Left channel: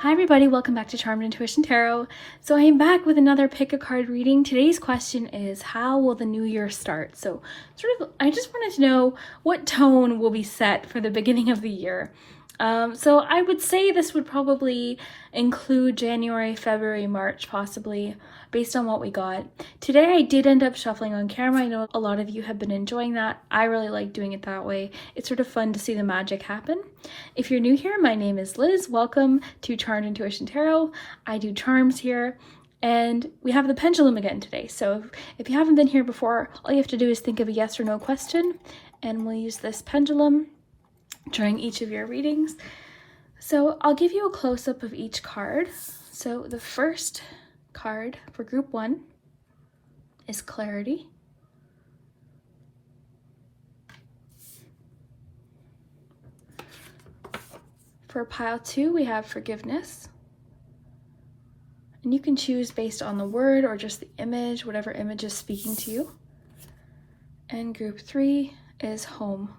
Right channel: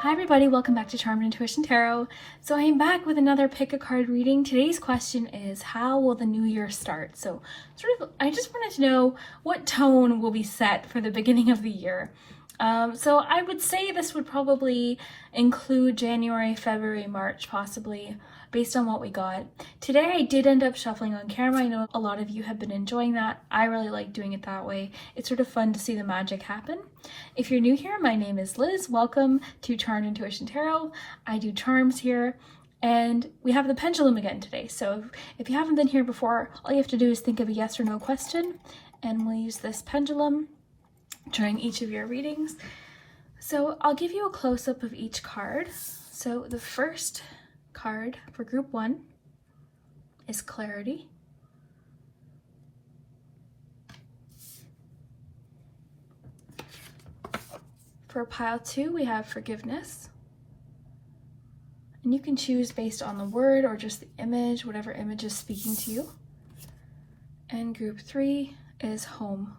Hi everybody, welcome back to Charm and Intuition Tarot. So I am back with another pick a card reading. Today's question is, how will the new year start? So I just wanted to know what tone will be set for the beginning of the year. So I would say this would probably include January, February, March, possibly, based on what we got. Today I did end up shuffling on camera. I know a lot of you have been enjoying that. I really like doing it that way. It's sort of fun to see the magic happen. If you're new here, my name is Liz. Welcome to Charmed Intuition Tarot. I do charms here. And we have the pendulum again today. So if you haven't been here before, all you have to do is think of a yes or no question, and we'll use this pendulum during each of your readings. So I'll give you a close-up of each card. So the first card for group 1 is clarity. For pile 2, we have forgiveness. And you can choose based on the word or just the image, whatever image is speaking to you. And group 3 is home.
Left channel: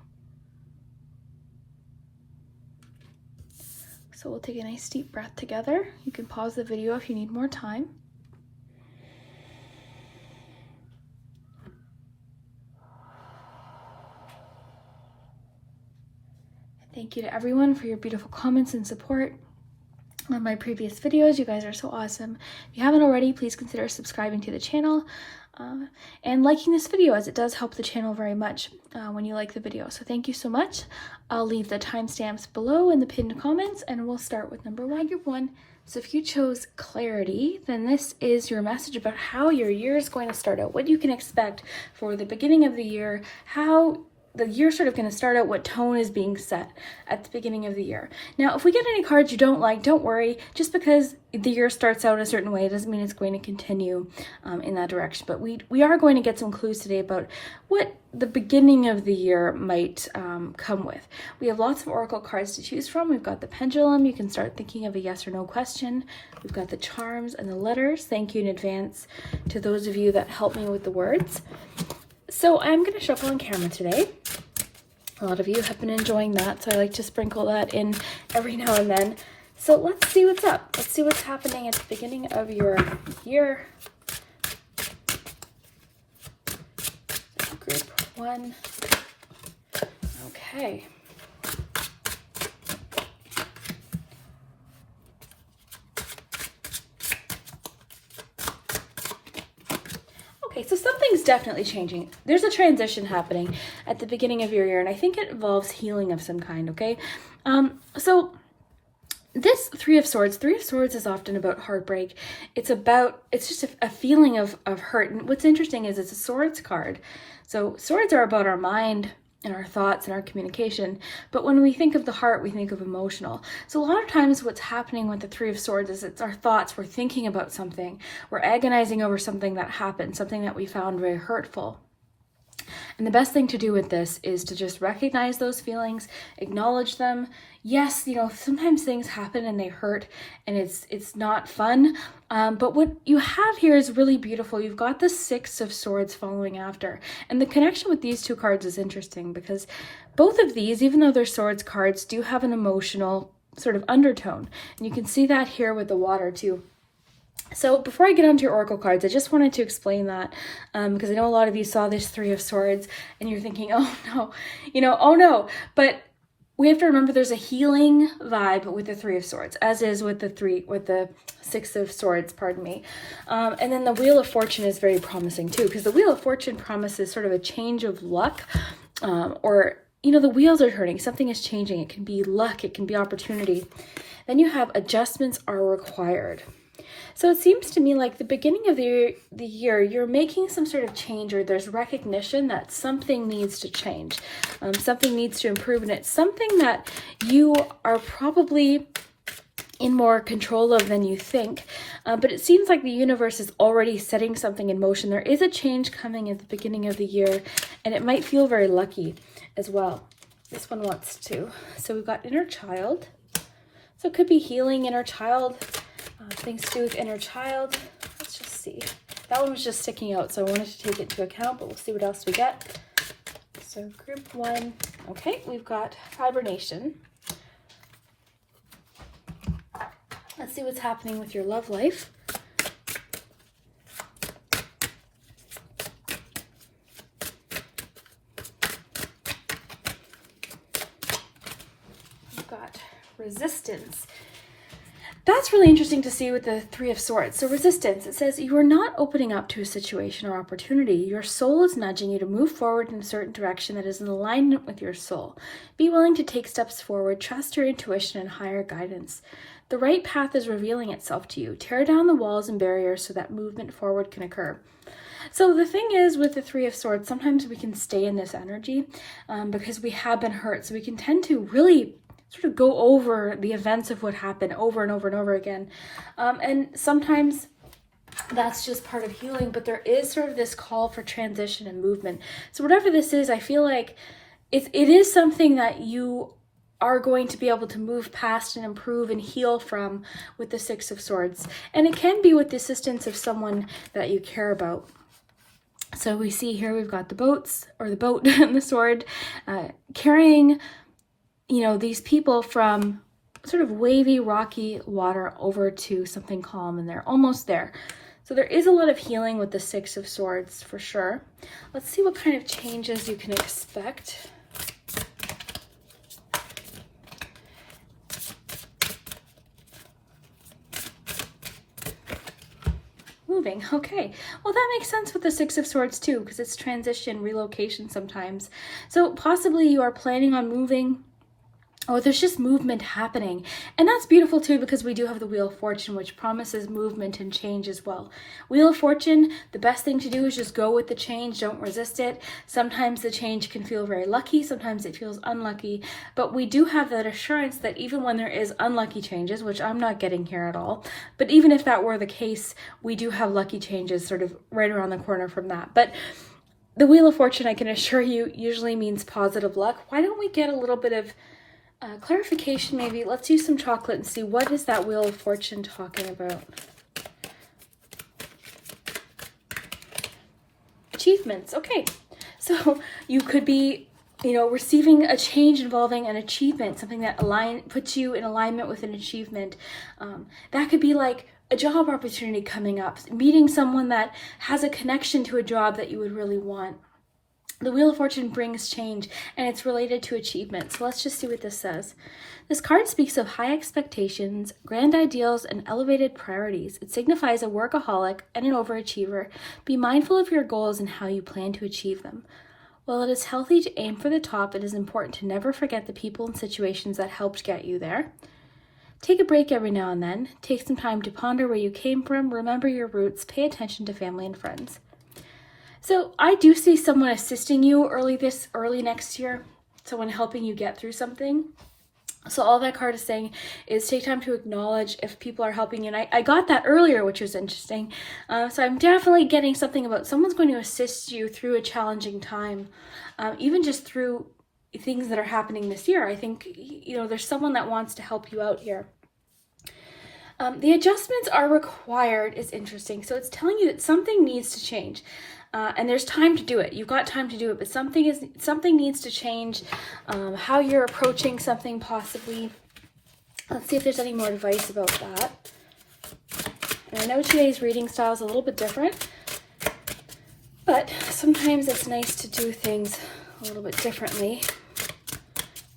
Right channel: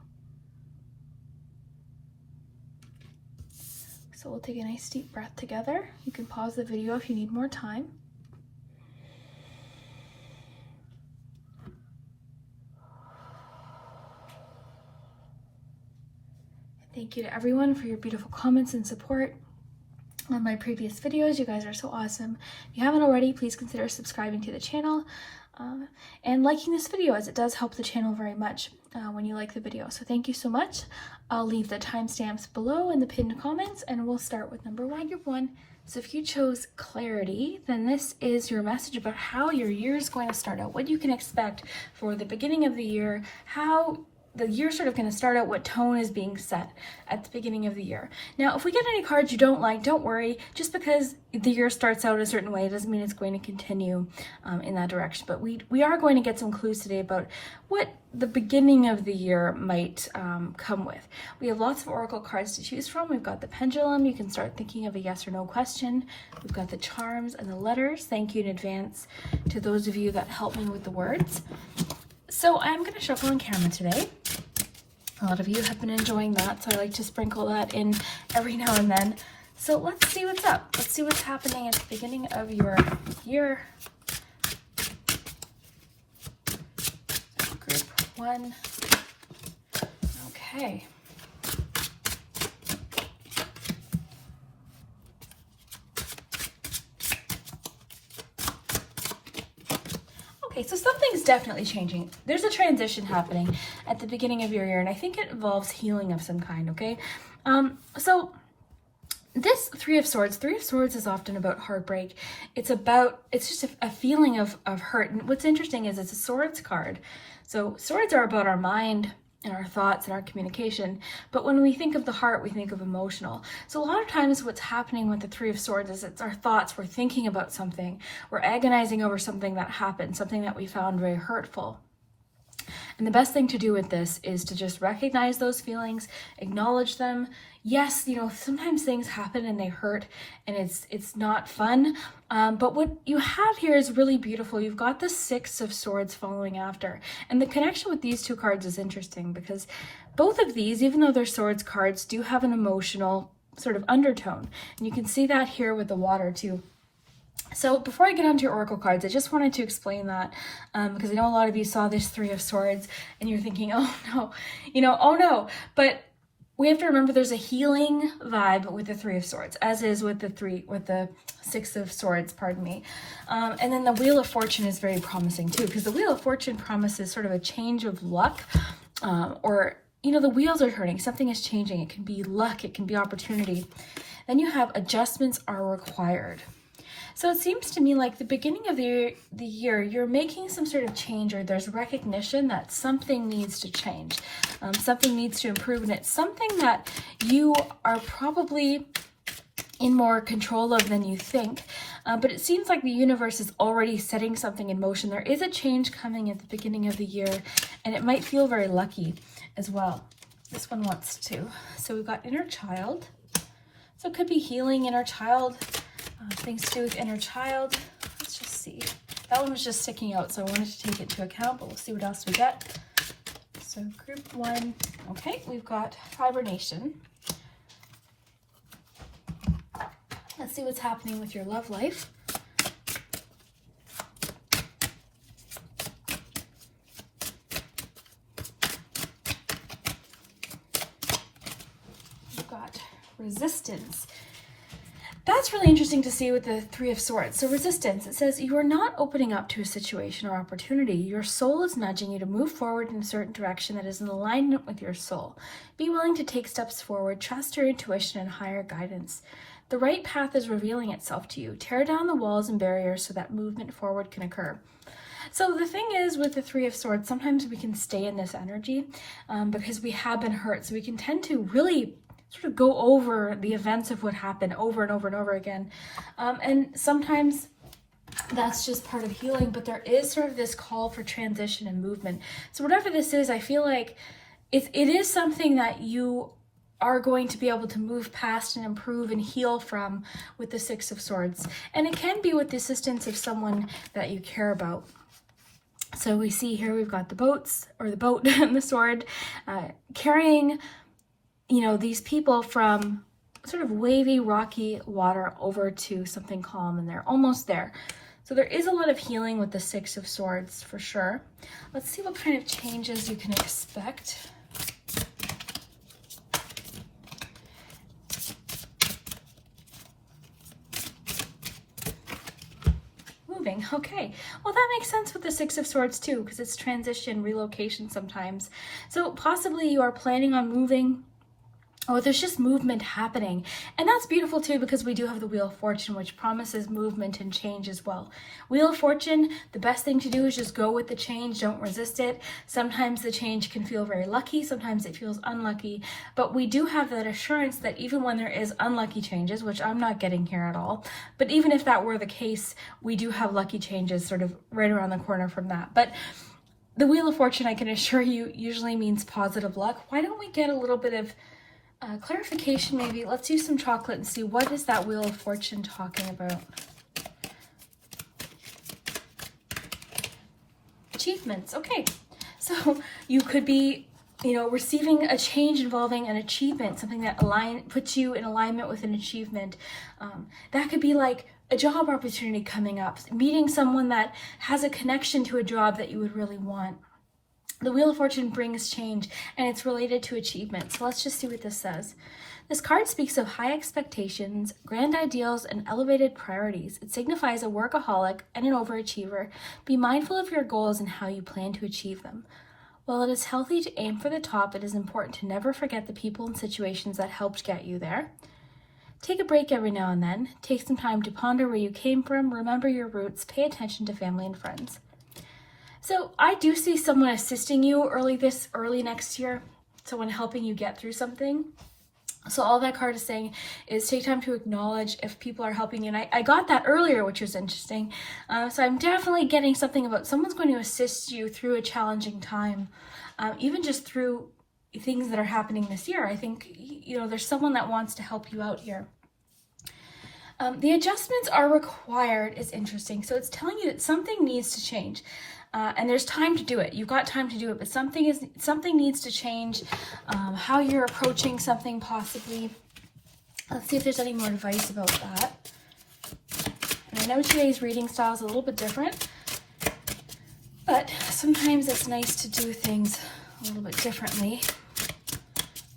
So we'll take a nice deep breath together. You can pause the video if you need more time. Thank you to everyone for your beautiful comments and support on my previous videos. You guys are so awesome. If you haven't already, please consider subscribing to the channel and liking this video, as it does help the channel very much when you like the video. So thank you so much. I'll leave the timestamps below in the pinned comments, and we'll start with number 1, group 1. So if you chose clarity, then this is your message about how your year is going to start out, what you can expect for the beginning of the year, how the year's sort of going to start out, what tone is being set at the beginning of the year. Now, if we get any cards you don't like, don't worry. Just because the year starts out a certain way doesn't mean it's going to continue in that direction. But we are going to get some clues today about what the beginning of the year might come with. We have lots of oracle cards to choose from. We've got the pendulum. You can start thinking of a yes or no question. We've got the charms and the letters. Thank you in advance to those of you that help me with the words. So I'm going to shuffle on camera today. A lot of you have been enjoying that, so I like to sprinkle that in every now and then. So let's see what's up. Let's see what's happening at the beginning of your year. Group 1. Okay. So something's definitely changing. There's a transition happening at the beginning of your year, and I think it involves healing of some kind, okay? So this Three of Swords is often about heartbreak. It's just a feeling of hurt. And what's interesting is it's a swords card. So swords are about our mind and our thoughts and our communication. But when we think of the heart, we think of emotional. So a lot of times what's happening with the Three of Swords is it's our thoughts. We're thinking about something. We're agonizing over something that happened, something that we found very hurtful. And the best thing to do with this is to just recognize those feelings, acknowledge them. Yes, sometimes things happen and they hurt and it's not fun. But what you have here is really beautiful. You've got the Six of Swords following after. And the connection with these two cards is interesting because both of these, even though they're swords cards, do have an emotional sort of undertone. And you can see that here with the water too. So before I get onto your oracle cards, I just wanted to explain that because I know a lot of you saw this Three of Swords and you're thinking, oh no, oh no. But we have to remember there's a healing vibe with the Three of Swords, as is with the Six of Swords, pardon me. And then the Wheel of Fortune is very promising too, because the Wheel of Fortune promises sort of a change of luck, or the wheels are turning, something is changing. It can be luck, it can be opportunity. Then you have adjustments are required. So it seems to me like the beginning of the year, you're making some sort of change, or there's recognition that something needs to change, something needs to improve, and it's something that you are probably in more control of than you think. But it seems like the universe is already setting something in motion. There is a change coming at the beginning of the year, and it might feel very lucky as well. This one wants to. So we've got inner child. So it could be healing inner child. Things to do with inner child. Let's just see. That one was just sticking out, so I wanted to take it into account, but we'll see what else we get. So group 1. Okay, we've got hibernation. Let's see what's happening with your love life. We've got resistance. That's really interesting to see with the Three of Swords. So resistance, it says you are not opening up to a situation or opportunity. Your soul is nudging you to move forward in a certain direction that is in alignment with your soul. Be willing to take steps forward, trust your intuition and higher guidance. The right path is revealing itself to you. Tear down the walls and barriers so that movement forward can occur. So the thing is with the Three of Swords, sometimes we can stay in this energy because we have been hurt. So we can tend to really sort of go over the events of what happened over and over and over again. And sometimes that's just part of healing, but there is sort of this call for transition and movement. So whatever this is, I feel like it is something that you are going to be able to move past and improve and heal from with the Six of Swords. And it can be with the assistance of someone that you care about. So we see here we've got the boats, or the boat and the sword, carrying, you know, these people from sort of wavy, rocky water over to something calm, and they're almost there. So there is a lot of healing with the Six of Swords for sure. Let's see what kind of changes you can expect. Moving. Okay, well that makes sense with the Six of Swords too, because it's transition, relocation sometimes. So possibly you are planning on moving, or there's just movement happening. And that's beautiful too, because we do have the Wheel of Fortune, which promises movement and change as well. Wheel of Fortune, the best thing to do is just go with the change, don't resist it. Sometimes the change can feel very lucky, sometimes it feels unlucky, but we do have that assurance that even when there is unlucky changes, which I'm not getting here at all, but even if that were the case, we do have lucky changes sort of right around the corner from that. But the Wheel of Fortune, I can assure you, usually means positive luck. Why don't we get a little bit of clarification maybe? Let's use some chocolate and see what is that Wheel of Fortune talking about. Achievements. Okay, so you could be, you know, receiving a change involving an achievement, something that puts you in alignment with an achievement. That could be like a job opportunity coming up, meeting someone that has a connection to a job that you would really want. The Wheel of Fortune brings change, and it's related to achievements. So let's just see what this says. This card speaks of high expectations, grand ideals, and elevated priorities. It signifies a workaholic and an overachiever. Be mindful of your goals and how you plan to achieve them. While it is healthy to aim for the top, it is important to never forget the people and situations that helped get you there. Take a break every now and then. Take some time to ponder where you came from, remember your roots, pay attention to family and friends. So I do see someone assisting you early next year, someone helping you get through something. So all that card is saying is take time to acknowledge if people are helping you. And I got that earlier, which was interesting. So I'm definitely getting something about someone's going to assist you through a challenging time, even just through things that are happening this year. I think, you know, there's someone that wants to help you out here. The adjustments are required is interesting. So it's telling you that something needs to change. And there's time to do it. You've got time to do it, but something needs to change. How you're approaching something possibly. Let's see if there's any more advice about that. And I know today's reading style is a little bit different, but sometimes it's nice to do things a little bit differently.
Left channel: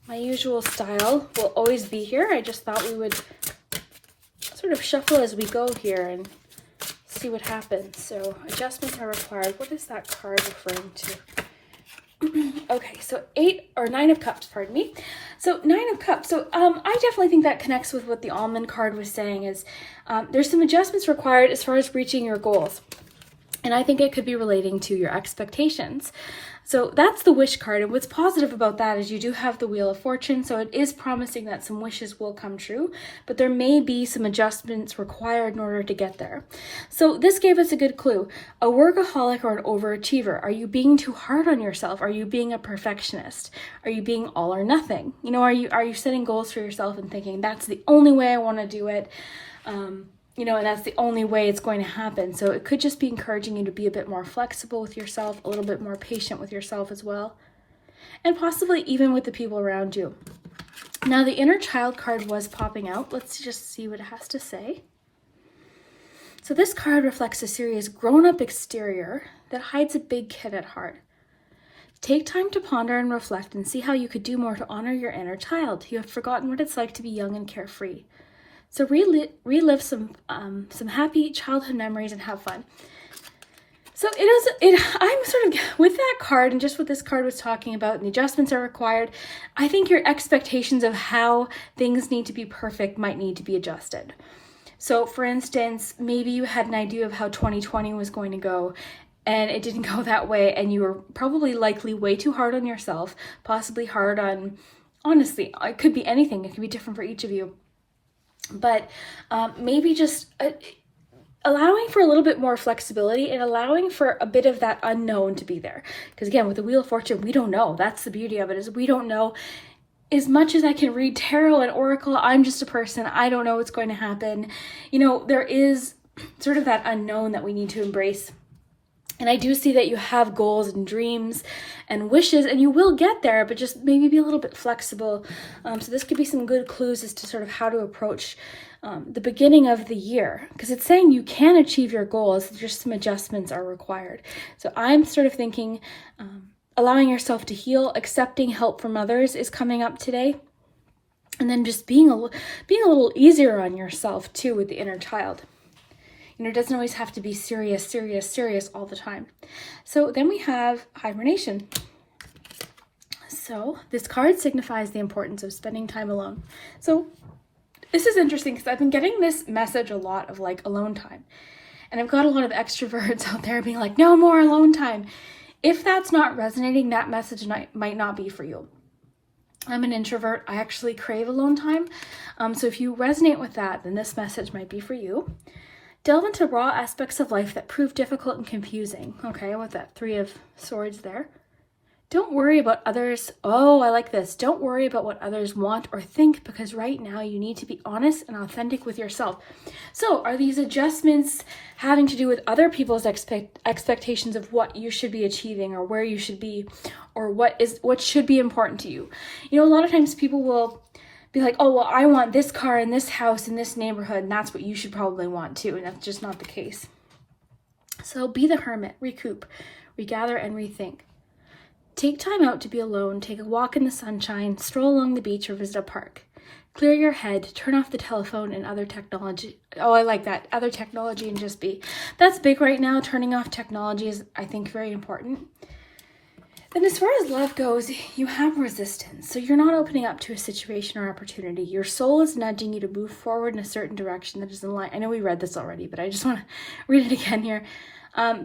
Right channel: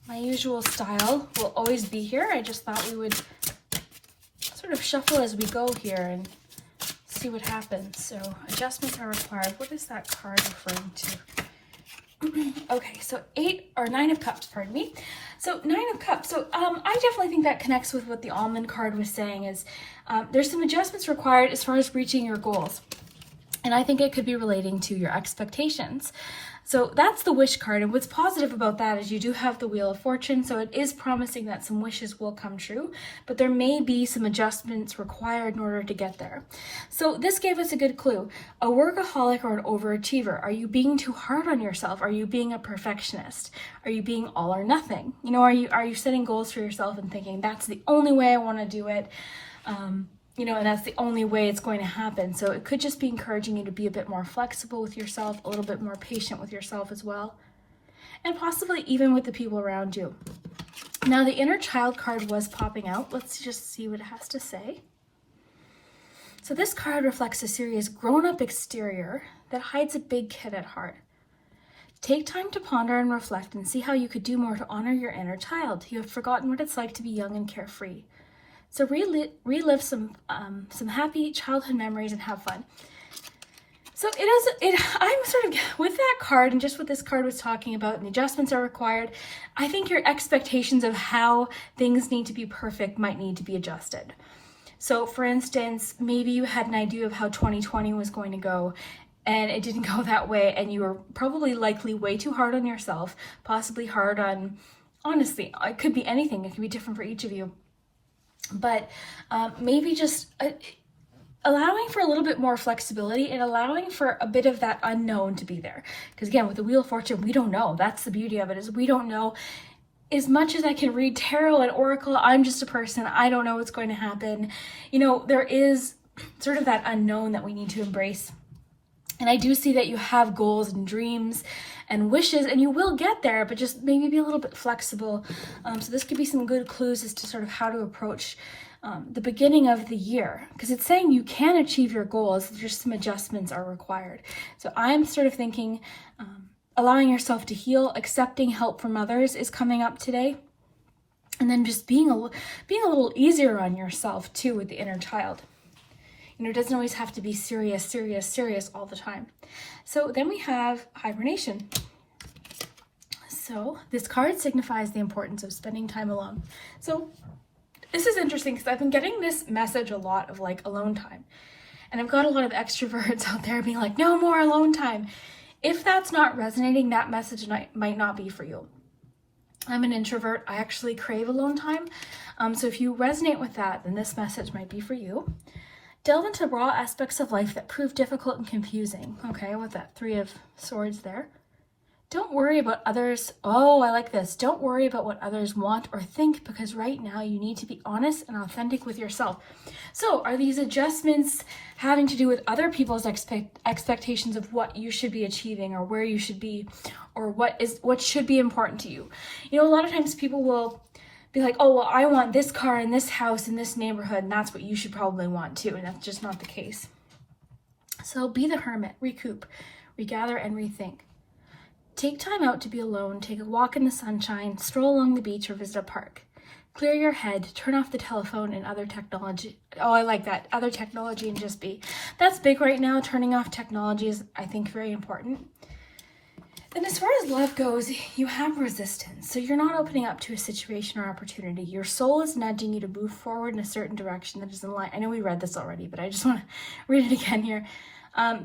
My usual style will always be here. I just thought we would sort of shuffle as we go here and see what happens. So adjustments are required. What is that card referring to? Okay, so 9 of Cups, pardon me. So 9 of Cups. So I definitely think that connects with what the Almond card was saying is there's some adjustments required as far as reaching your goals. And I think it could be relating to your expectations. So that's the Wish card, and what's positive about that is you do have the Wheel of Fortune, so it is promising that some wishes will come true, but there may be some adjustments required in order to get there. So this gave us a good clue. A workaholic or an overachiever. Are you being too hard on yourself? Are you being a perfectionist? Are you being all or nothing? You know, are you setting goals for yourself and thinking that's the only way I want to do it? You know, and that's the only way it's going to happen. So it could just be encouraging you to be a bit more flexible with yourself, a little bit more patient with yourself as well, and possibly even with the people around you. Now the inner child card was popping out. Let's just see what it has to say. So this card reflects a serious grown-up exterior that hides a big kid at heart. Take time to ponder and reflect and see how you could do more to honor your inner child. You have forgotten what it's like to be young and carefree. So relive some happy childhood memories and have fun. So I'm sort of, with that card and just what this card was talking about, and the adjustments are required, I think your expectations of how things need to be perfect might need to be adjusted. So for instance, maybe you had an idea of how 2020 was going to go, and it didn't go that way, and you were probably likely way too hard on yourself, possibly hard on, honestly, it could be anything. It could be different for each of you. But maybe just allowing for a little bit more flexibility and allowing for a bit of that unknown to be there. Because again, with the Wheel of Fortune, we don't know. That's the beauty of it, is we don't know. As much as I can read tarot and oracle, I'm just a person. I don't know what's going to happen. You know, there is sort of that unknown that we need to embrace. And I do see that you have goals and dreams and wishes, and you will get there, but just maybe be a little bit flexible. So this could be some good clues as to sort of how to approach the beginning of the year, because it's saying you can achieve your goals, just some adjustments are required. So I'm sort of thinking allowing yourself to heal, accepting help from others is coming up today. And then just being a little easier on yourself too with the inner child. You know, it doesn't always have to be serious, serious, serious all the time. So then we have hibernation. So this card signifies the importance of spending time alone. So this is interesting because I've been getting this message a lot of like alone time. And I've got a lot of extroverts out there being like, no more alone time. If that's not resonating, that message might not be for you. I'm an introvert. I actually crave alone time. So if you resonate with that, then this message might be for you. Delve into raw aspects of life that prove difficult and confusing. Okay, with that 3 of Swords there. Don't worry about others. Oh, I like this. Don't worry about what others want or think, because right now you need to be honest and authentic with yourself. So are these adjustments having to do with other people's expectations of what you should be achieving or where you should be or what should be important to you? You know, a lot of times people will be like, oh, well, I want this car in this house in this neighborhood, and that's what you should probably want too, and that's just not the case. So be the hermit, recoup, regather, and rethink. Take time out to be alone, take a walk in the sunshine, stroll along the beach or visit a park. Clear your head, turn off the telephone and other technology. Oh, I like that. Other technology and just be. That's big right now. Turning off technology is, I think, very important. Then as far as love goes, you have resistance. So you're not opening up to a situation or opportunity. Your soul is nudging you to move forward in a certain direction that is in line. I know we read this already, but I just want to read it again here.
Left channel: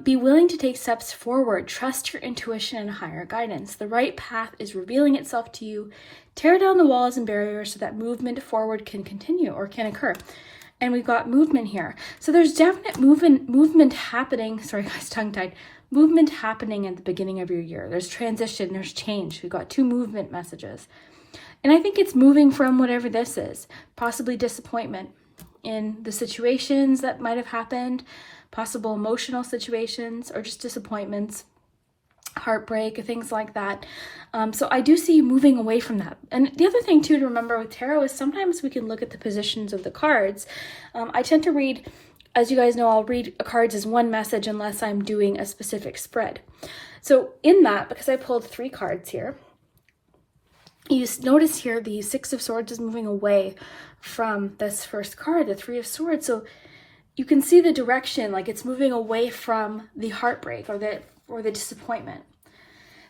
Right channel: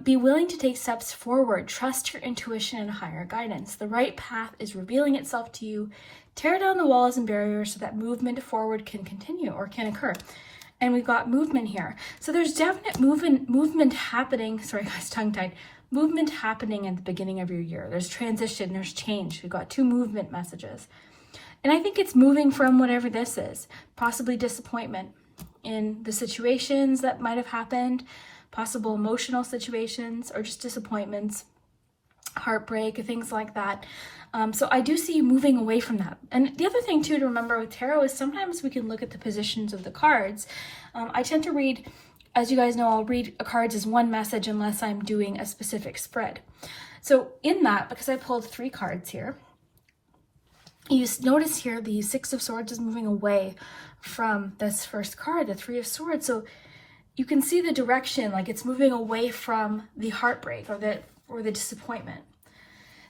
Be willing to take steps forward. Trust your intuition and higher guidance. The right path is revealing itself to you. Tear down the walls and barriers so that movement forward can continue or can occur. And we've got movement here. So there's definite movement happening. Sorry guys, tongue-tied. Movement happening at the beginning of your year. There's transition, there's change. We've got 2 movement messages. And I think it's moving from whatever this is, possibly disappointment in the situations that might have happened, possible emotional situations or just disappointments, heartbreak, things like that. So I do see you moving away from that. And the other thing too to remember with tarot is sometimes we can look at the positions of the cards. I tend to read, as you guys know, I'll read cards as one message unless I'm doing a specific spread. So in that, because I pulled 3 cards here, you notice here the 6 of Swords is moving away from this first card, the 3 of Swords. So you can see the direction, like it's moving away from the heartbreak or the disappointment.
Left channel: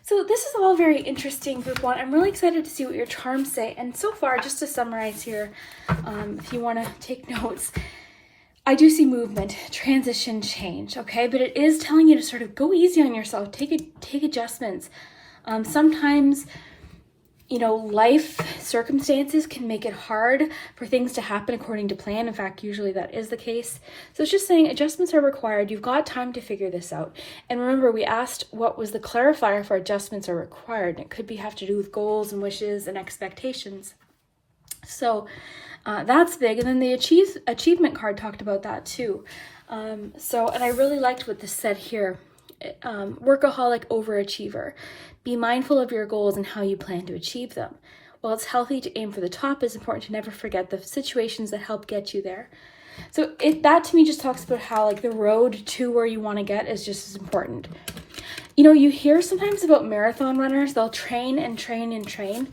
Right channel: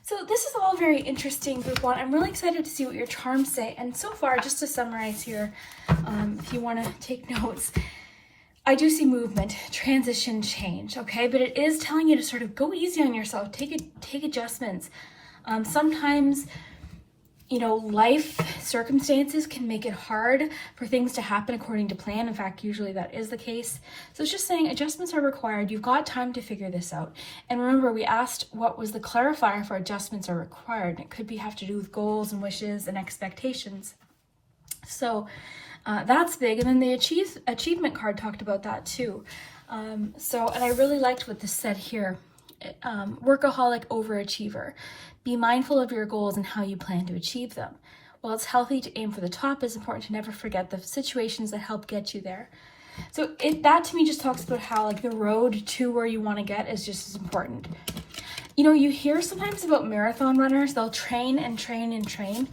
So this is all very interesting, group 1. I'm really excited to see what your charms say. And so far, just to summarize here, if you want to take notes, I do see movement, transition, change, okay? But it is telling you to sort of go easy on yourself, take adjustments. Sometimes, you know, life circumstances can make it hard for things to happen according to plan. In fact, usually that is the case. So it's just saying adjustments are required. You've got time to figure this out. And remember, we asked what was the clarifier for adjustments are required. And it could have to do with goals and wishes and expectations. So that's big. And then the achievement card talked about that too. And I really liked what this said here. Workaholic overachiever. Be mindful of your goals and how you plan to achieve them. while it's healthy to aim for the top, it's important to never forget the situations that help get you there. So that to me just talks about how like the road to where you want to get is just as important. You know, you hear sometimes about marathon runners, they'll train and train and train,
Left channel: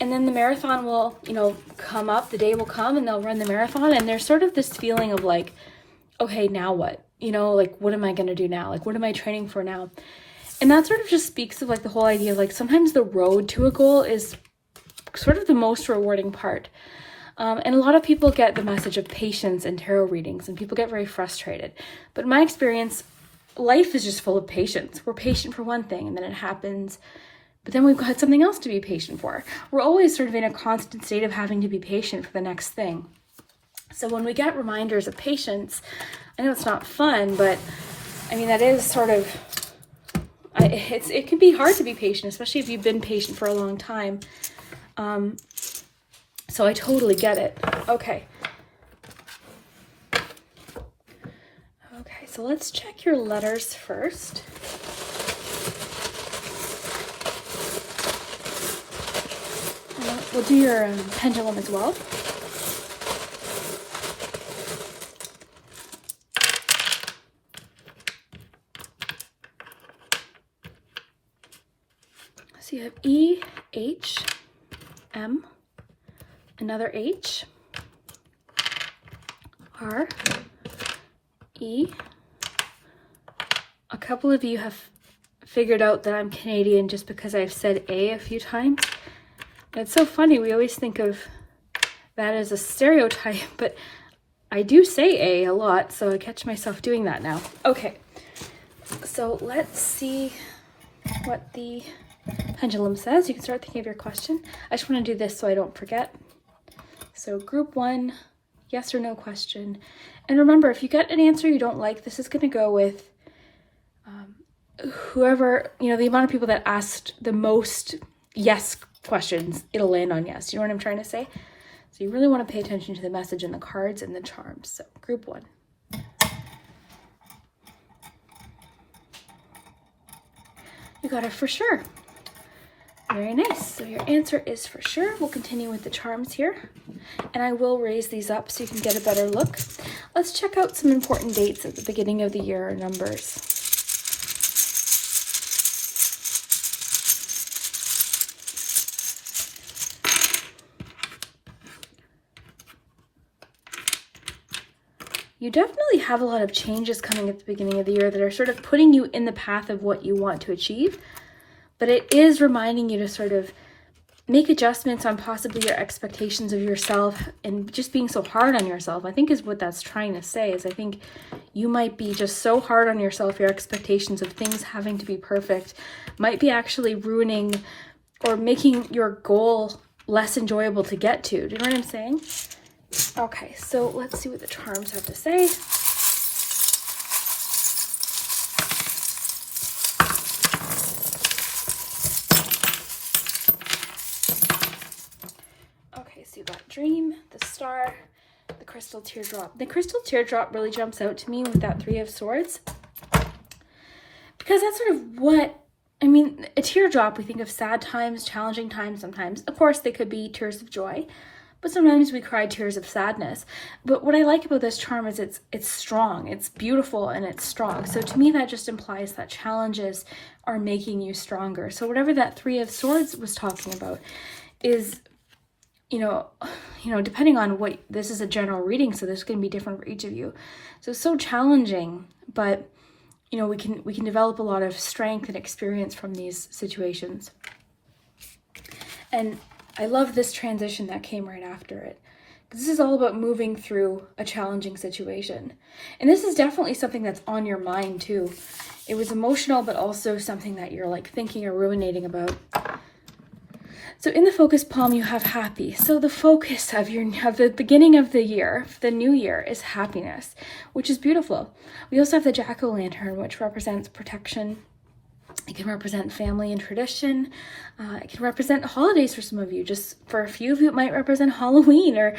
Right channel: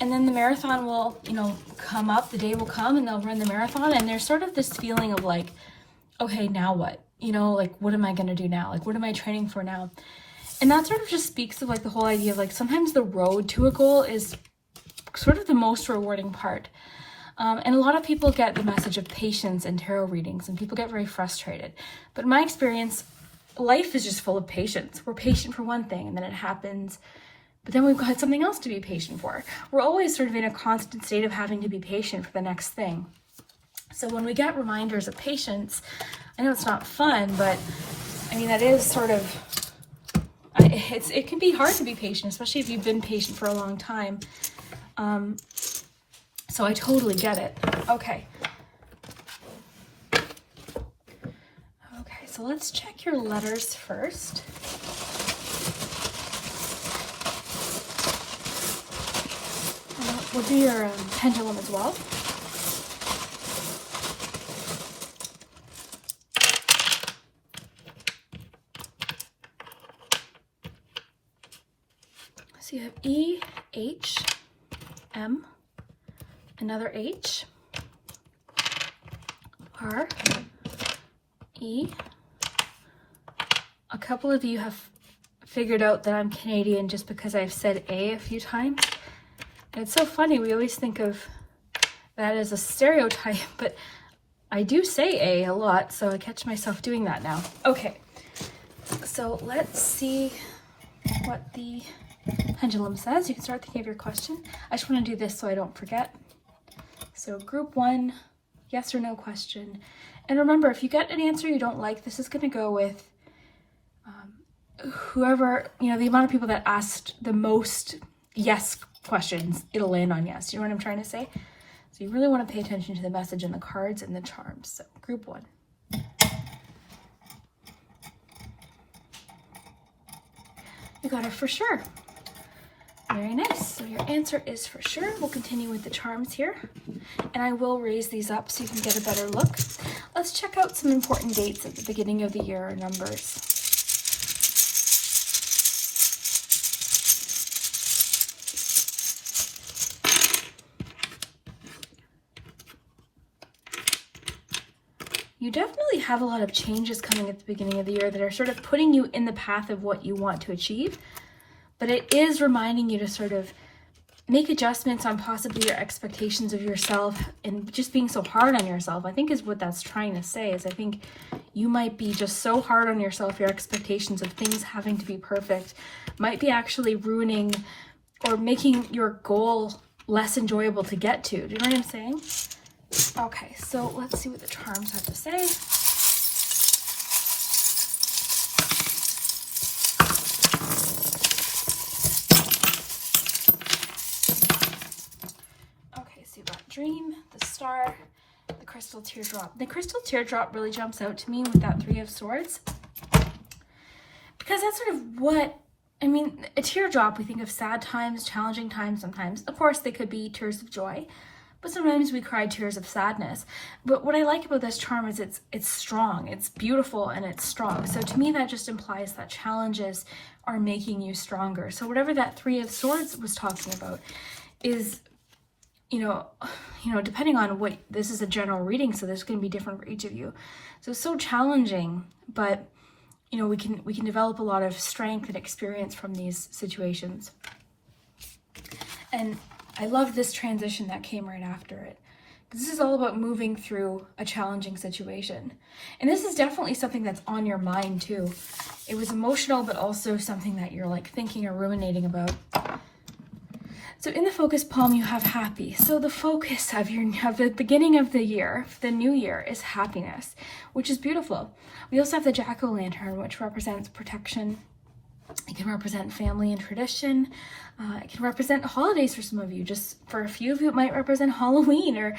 and then the marathon will, you know, come up, the day will come and they'll run the marathon, and there's sort of this feeling of like, okay, now what? You know, like, what am I going to do now? Like, what am I training for now? And that sort of just speaks of like the whole idea of like sometimes the road to a goal is sort of the most rewarding part. And a lot of people get the message of patience in tarot readings, and people get very frustrated. But in my experience, life is just full of patience. We're patient for one thing, and then it happens, but then we've got something else to be patient for. We're always sort of in a constant state of having to be patient for the next thing. So when we get reminders of patience, I know it's not fun, but I mean, that is sort of, it can be hard to be patient, especially if you've been patient for a long time. So I totally get it. Okay. Okay, so let's check your letters first. We'll do your pendulum as well. So you have E, H, M, another H, R, E. A couple of you have figured out that I'm Canadian just because I've said A few times. And it's so funny, we always think of that as a stereotype, but I do say A lot, so I catch myself doing that now. Okay, so let's see what the pendulum says. You can start thinking of your question. I just want to do this so I don't forget. So group 1, yes or no question. And remember, if you get an answer you don't like, this is going to go with whoever, you know, the amount of people that asked the most yes questions, it'll land on yes. You know what I'm trying to say? So you really want to pay attention to the message in the cards and the charms. So group 1. You got it for sure. Very nice. So your answer is for sure. We'll continue with the charms here. And I will raise these up so you can get a better look. Let's check out some important dates at the beginning of the year or numbers. You definitely have a lot of changes coming at the beginning of the year that are sort of putting you in the path of what you want to achieve. But it is reminding you to sort of make adjustments on possibly your expectations of yourself, and just being so hard on yourself, I think is what that's trying to say. Is I think you might be just so hard on yourself, your expectations of things having to be perfect might be actually ruining or making your goal less enjoyable to get to. Do you know what I'm saying? Okay, so let's see what the charms have to say. Okay, so you got Dream, the Star, the Crystal Teardrop. The Crystal Teardrop really jumps out to me with that 3 of Swords, because that's sort of what, I mean, a teardrop, we think of sad times, challenging times sometimes. Of course, they could be tears of joy, but sometimes we cry tears of sadness. But what I like about this charm is it's strong, it's beautiful, and it's strong. So to me, that just implies that challenges are making you stronger. So whatever that 3 of Swords was talking about is, you know, depending on what, this is a general reading, so this is going to be different for each of you. So it's so challenging, but you know, we can develop a lot of strength and experience from these situations. And I love this transition that came right after it. This is all about moving through a challenging situation. And this is definitely something that's on your mind too. It was emotional, but also something that you're like thinking or ruminating about. So in the focus palm, you have happy. So the focus of the beginning of the year, the new year, is happiness, which is beautiful. We also have the jack-o'-lantern, which represents protection. It can represent family and tradition. It can represent holidays for some of you. Just for a few of you, it might represent Halloween or,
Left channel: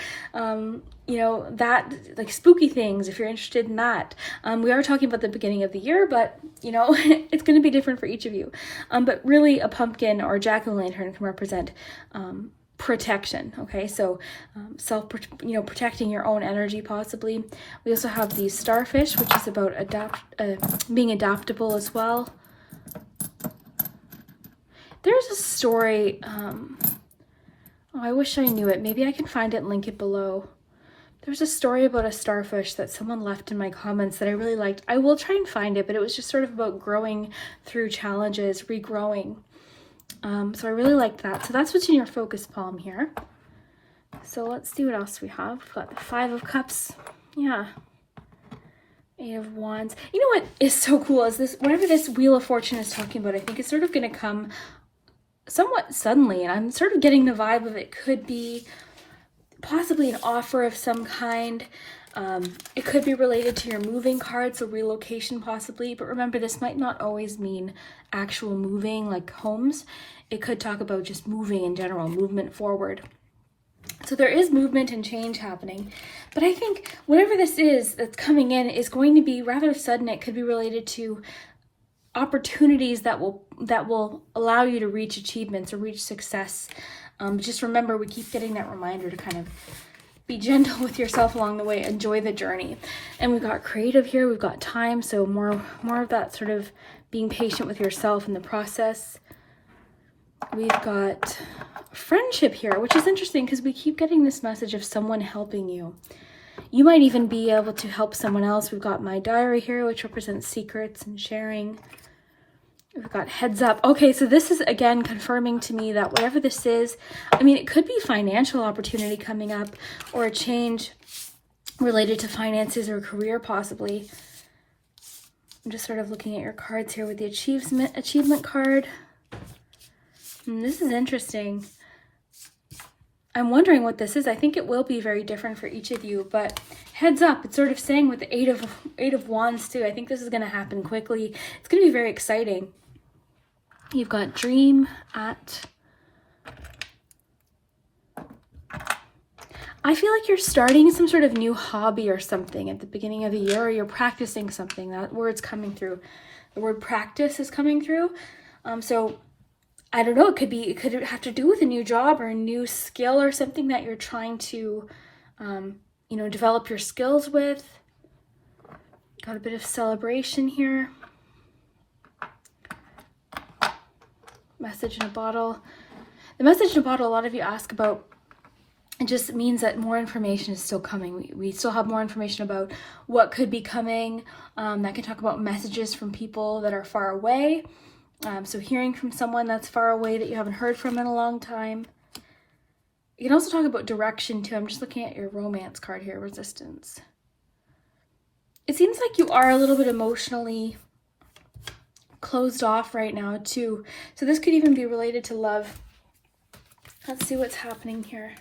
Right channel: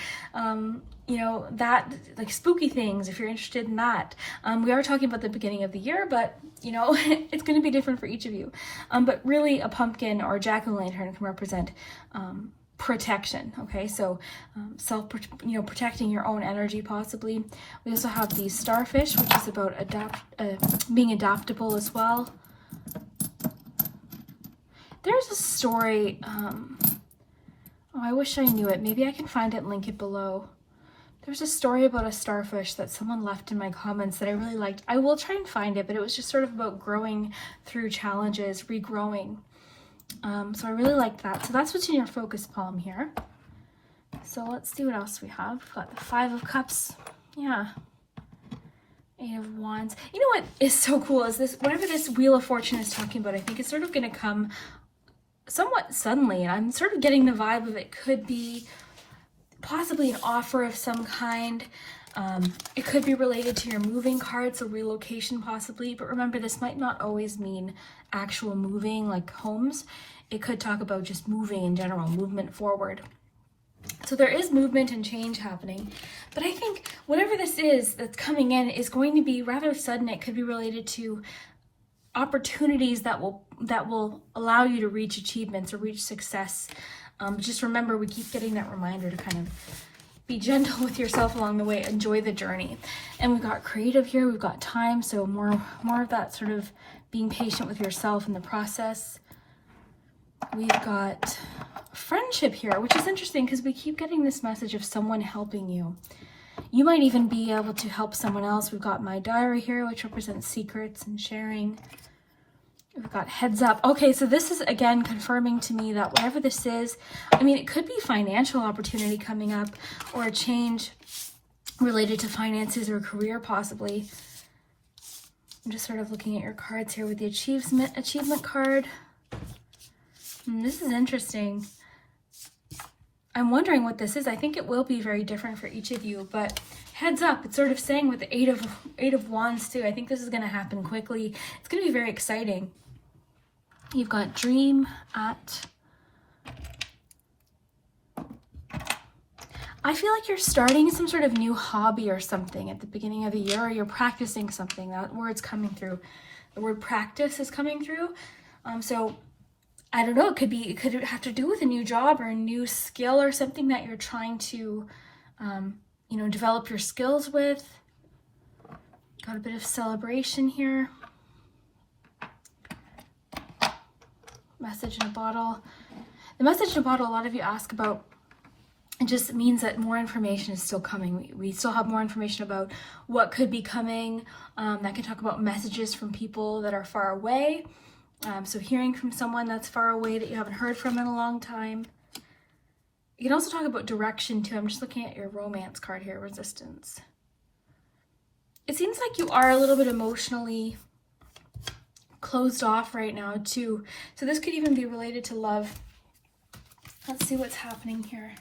you know, that, like spooky things, if you're interested in that. We are talking about the beginning of the year, but, you know, it's going to be different for each of you. But really, a pumpkin or a jack-o'-lantern can represent protection. Okay, so protecting your own energy possibly. We also have the starfish, which is about being adaptable as well. There's a story, I wish I knew it. Maybe I can find it and link it below. There's a story about a starfish that someone left in my comments that I really liked. I will try and find it, but it was just sort of about growing through challenges, regrowing. So I really liked that. So that's what's in your focus palm here. So let's see what else we have. We've got the 5 of Cups. Yeah. 8 of Wands. You know what is so cool is this, whatever this Wheel of Fortune is talking about, I think it's sort of going to come somewhat suddenly. And I'm sort of getting the vibe of it could be possibly an offer of some kind. It could be related to your moving card, so relocation possibly. But remember, this might not always mean actual moving like homes. It could talk about just moving in general, movement forward. So there is movement and change happening. But I think whatever this is that's coming in is going to be rather sudden. It could be related to opportunities that will allow you to reach achievements or reach success. Just remember, we keep getting that reminder to kind of be gentle with yourself along the way, enjoy the journey. And we've got creative here, we've got time, so more of that sort of being patient with yourself in the process. We've got friendship here, which is interesting because we keep getting this message of someone helping you. You might even be able to help someone else. We've got my diary here, which represents secrets and sharing. We've got heads up. Okay, so this is again confirming to me that whatever this is, I mean, it could be financial opportunity coming up or a change related to finances or career possibly. I'm just sort of looking at your cards here with the achievement card. This is interesting. I'm wondering what this is. I think it will be very different for each of you, but heads up, it's sort of saying with the eight of Wands too. I think this is going to happen quickly. It's going to be very exciting. You've got dream at. I feel like you're starting some sort of new hobby or something at the beginning of the year, or you're practicing something. That word's coming through. The word practice is coming through. So I don't know, it could have to do with a new job or a new skill or something that you're trying to, develop your skills with. Got a bit of celebration here. Message in a bottle. The message in a bottle, a lot of you ask about, it just means that more information is still coming. We still have more information about what could be coming. That can talk about messages from people that are far away. So hearing from someone that's far away that you haven't heard from in a long time. You can also talk about direction too. I'm just looking at your romance card here, resistance. It seems like you are a little bit emotionally closed off right now too. So this could even be related to love. Let's see what's happening here.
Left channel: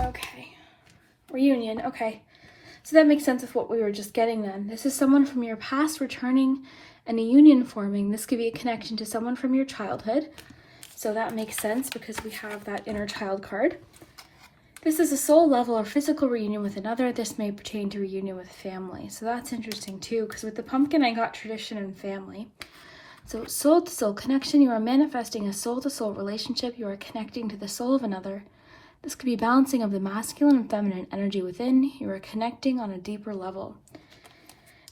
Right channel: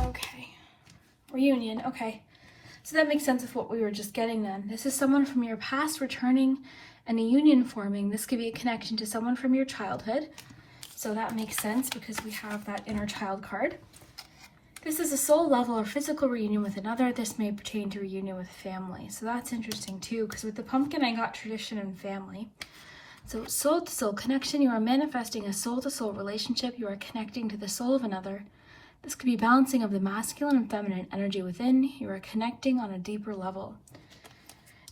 Okay. Reunion. Okay. So that makes sense with what we were just getting on. This is someone from your past returning and a union forming. This could be a connection to someone from your childhood. So that makes sense because we have that inner child card. This is a soul level or physical reunion with another. This may pertain to reunion with family. So that's interesting too, because with the pumpkin, I got tradition and family. So soul to soul connection, you are manifesting a soul to soul relationship. You are connecting to the soul of another. This could be balancing of the masculine and feminine energy within. You are connecting on a deeper level.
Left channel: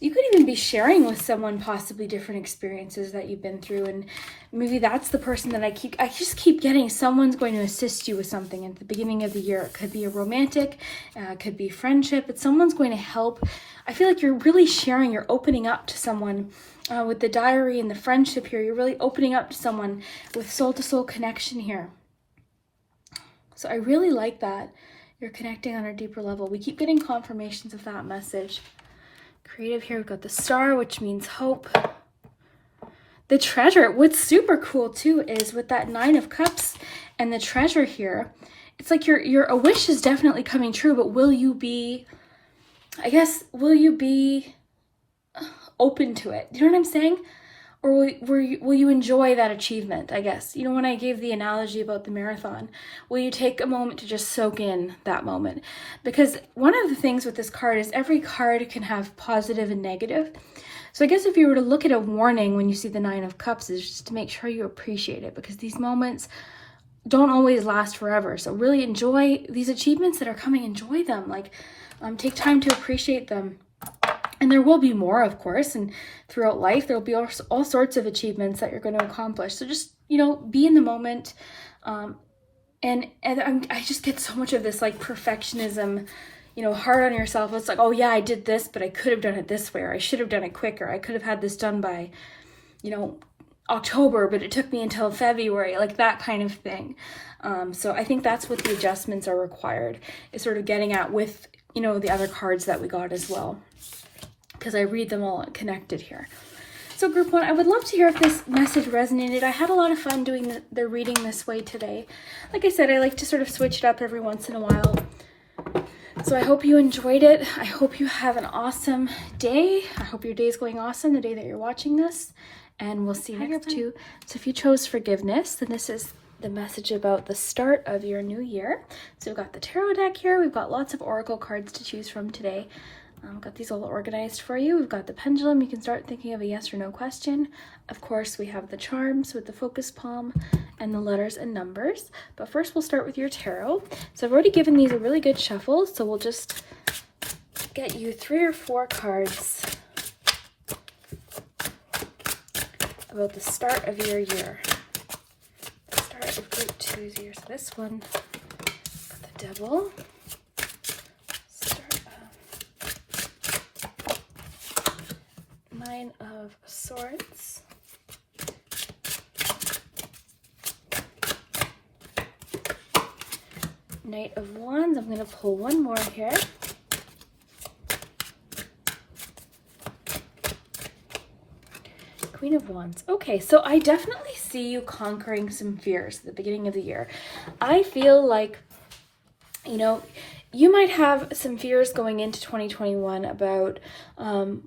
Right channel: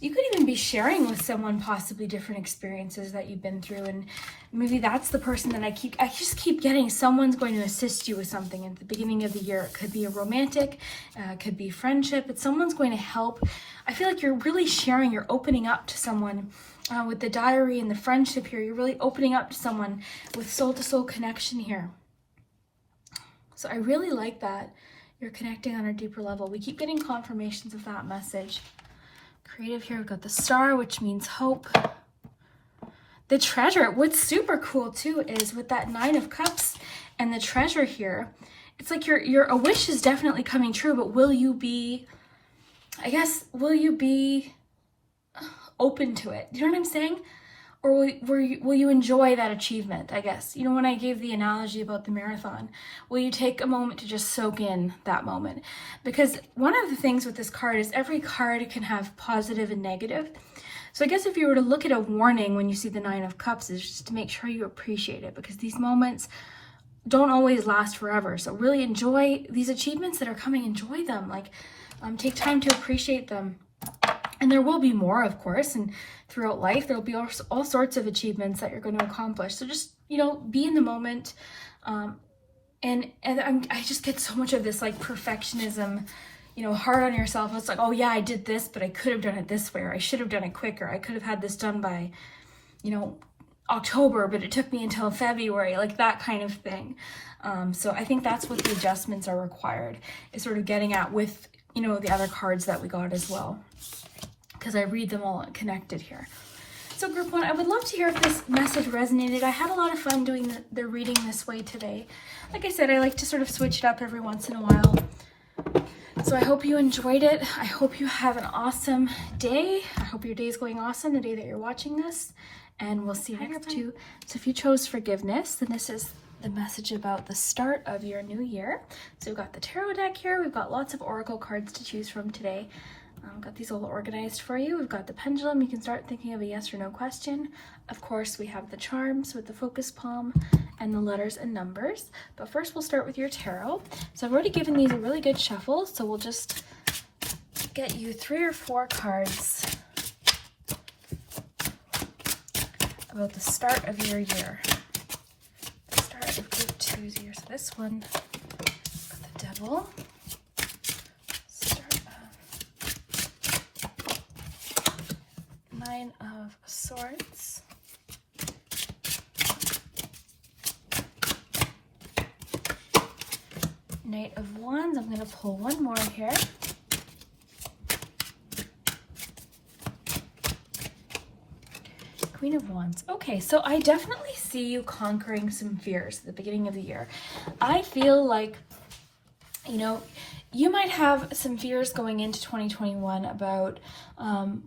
You could even be sharing with someone possibly different experiences that you've been through, and maybe that's the person that I just keep getting. Someone's going to assist you with something at the beginning of the year. It could be a romantic, it could be friendship, but someone's going to help. I feel like you're really sharing, you're opening up to someone with the diary and the friendship here. You're really opening up to someone with soul-to-soul connection here. So I really like that. You're connecting on a deeper level. We keep getting confirmations of that message. Creative here, we've got the star, which means hope. The treasure. What's super cool too is with that 9 of Cups and the treasure here, it's like your wish is definitely coming true, but will you be open to it? Do you know what I'm saying? Or will you enjoy that achievement, I guess? You know, when I gave the analogy about the marathon, will you take a moment to just soak in that moment? Because one of the things with this card is every card can have positive and negative. So I guess if you were to look at a warning when you see the Nine of Cups, is just to make sure you appreciate it, because these moments don't always last forever. So really enjoy these achievements that are coming. Enjoy them. Like, take time to appreciate them. And there will be more, of course, and throughout life, there'll be all sorts of achievements that you're going to accomplish. So just, be in the moment. And I just get so much of this, like, perfectionism, hard on yourself. It's like, oh yeah, I did this, but I could have done it this way, or I should have done it quicker. I could have had this done by, October, but it took me until February, like that kind of thing. So I think that's what the adjustments are required, is sort of getting at with, the other cards that we got as well, because I read them all connected here. So group 1, I would love to hear if this message resonated. I had a lot of fun doing the reading this way today. Like I said, I like to sort of switch it up every once in a while. So I hope you enjoyed it. I hope you have an awesome day. I hope your day is going awesome the day that you're watching this. And we'll see you next too. So if you chose forgiveness, then this is the message about the start of your new year. So we've got the tarot deck here. We've got lots of oracle cards to choose from today. I've got these all organized for you. We've got the pendulum. You can start thinking of a yes or no question. Of course, we have the charms with the focus palm and the letters and numbers. But first, we'll start with your tarot. So I've already given these a really good shuffle. So we'll just get you 3 or 4 cards about the start of your year. The start of group 2's year. So this one, got the Devil. Nine of Swords. Knight of Wands. I'm going to pull one more here. Queen of Wands. Okay, so I definitely see you conquering some fears at the beginning of the year. I feel like, you might have some fears going into 2021 about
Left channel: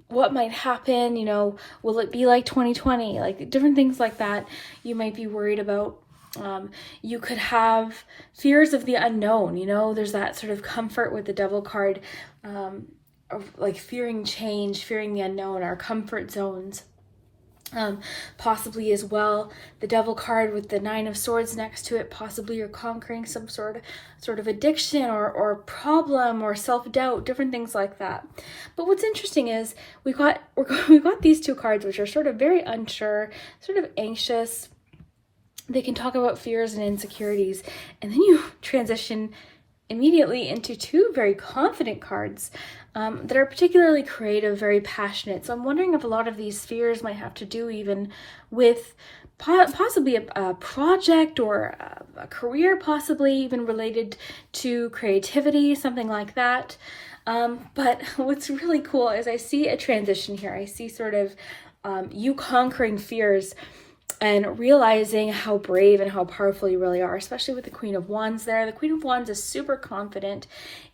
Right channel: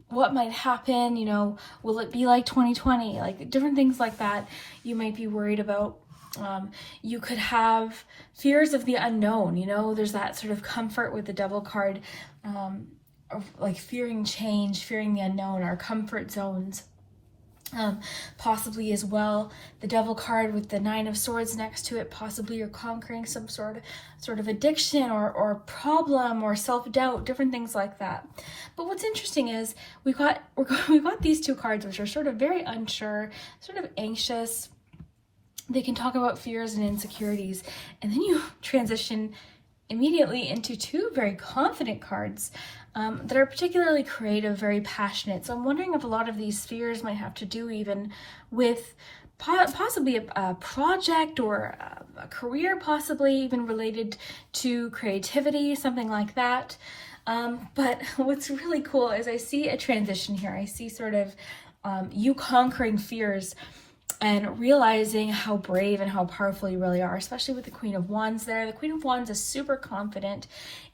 what might happen, will it be like 2020? Like different things like that you might be worried about. You could have fears of the unknown, there's that sort of comfort with the Devil card, of like fearing change, fearing the unknown, our comfort zones. Possibly as well, the Devil card with the Nine of Swords next to it, possibly you're conquering some sort of addiction or problem or self-doubt, different things like that. But what's interesting is we got these 2 cards, which are sort of very unsure, sort of anxious. They can talk about fears and insecurities, and then you transition immediately into 2 very confident cards that are particularly creative, very passionate. So I'm wondering if a lot of these fears might have to do even with possibly a project or a career, possibly even related to creativity, something like that. But what's really cool is I see a transition here. I see sort of you conquering fears and realizing how brave and how powerful you really are, especially with the Queen of Wands there. The Queen of Wands is super confident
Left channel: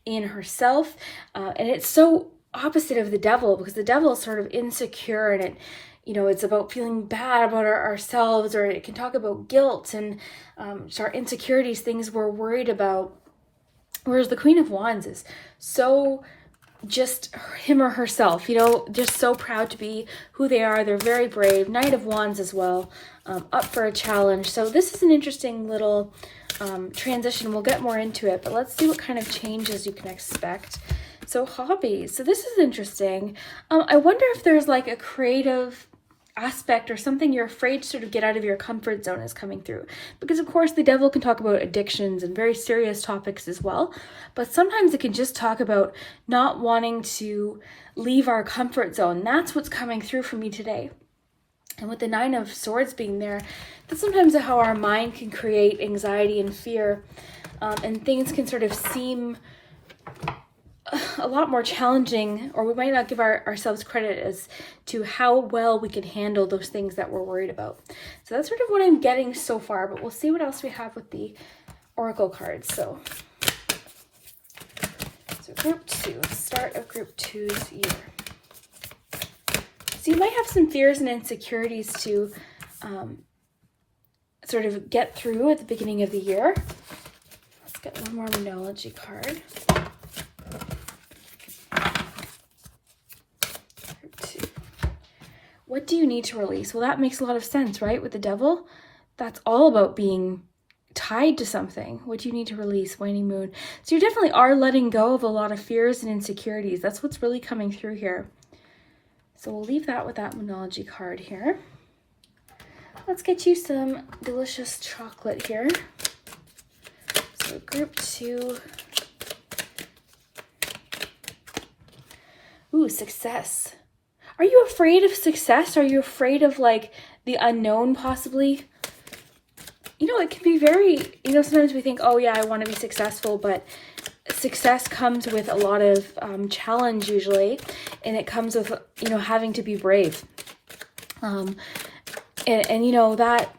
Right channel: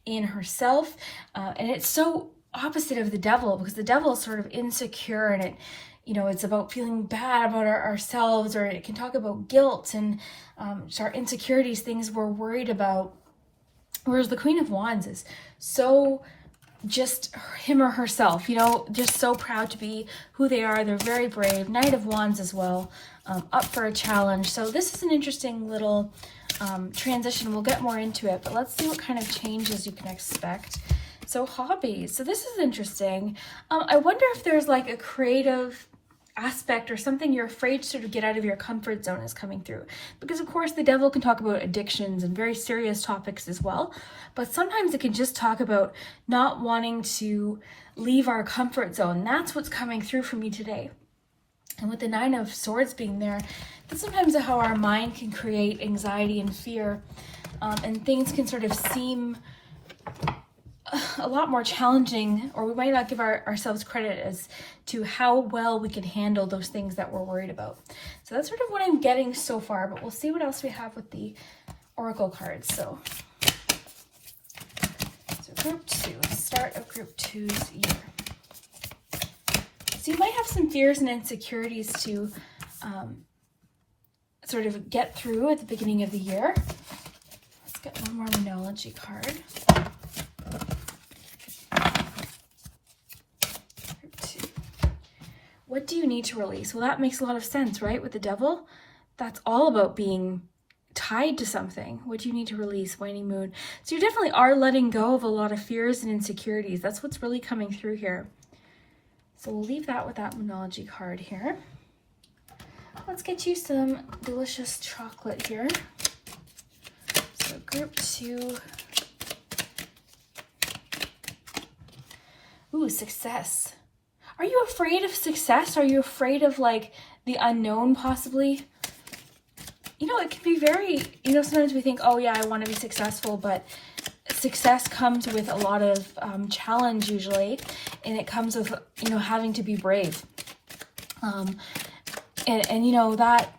in herself, and it's so opposite of the Devil, because the Devil is sort of insecure, and it, it's about feeling bad about ourselves, or it can talk about guilt and our insecurities, things we're worried about. Whereas the Queen of Wands is so just him or herself, just so proud to be who they are. They're very brave. Knight of Wands as well, up for a challenge. So this is an interesting little transition. We'll get more into it, but let's see what kind of changes you can expect. So hobbies. So this is interesting. I wonder if there's like a creative aspect or something you're afraid to sort of get out of your comfort zone is coming through, because of course the Devil can talk about addictions and very serious topics as well, but sometimes it can just talk about not wanting to leave our comfort zone. That's what's coming through for me today. And with the Nine of Swords being there, that's sometimes how our mind can create anxiety and fear, and things can sort of seem a lot more challenging, or we might not give ourselves credit as to how well we can handle those things that we're worried about. So that's sort of what I'm getting so far, but we'll see what else we have with the oracle cards. So group 2, start of group 2's year. So you might have some fears and insecurities to sort of get through at the beginning of the year. Let's get one more Moonology card. What do you need to release? Well, that makes a lot of sense, right? With the Devil, that's all about being tied to something. What do you need to release? Waning moon. So you definitely are letting go of a lot of fears and insecurities. That's what's really coming through here. So we'll leave that with that Moonology card here. Let's get you some delicious chocolate here. So group 2. Ooh, success. Are you afraid of success? Are you afraid of like the unknown possibly? You know, it can be very, you know, sometimes we think, oh yeah, I want to be successful, but success comes with a lot of challenge usually, and it comes with, you know, having to be brave. And you know, that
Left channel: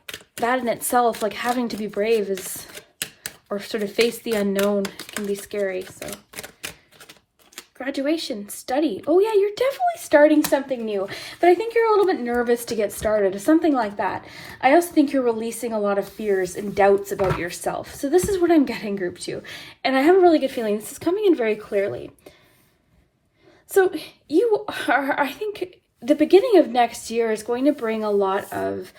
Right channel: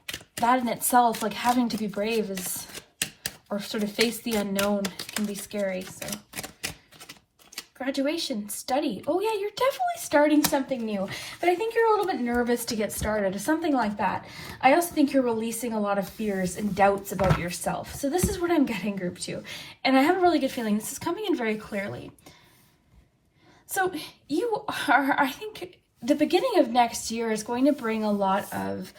in itself, like having to be brave is, or sort of face the unknown, can be scary. So graduation, study. Oh yeah, you're definitely starting something new, but I think you're a little bit nervous to get started, something like that. I also think you're releasing a lot of fears and doubts about yourself. So this is what I'm getting, group 2. And I have a really good feeling this is coming in very clearly. So you are, I think the beginning of next year is going to bring a lot of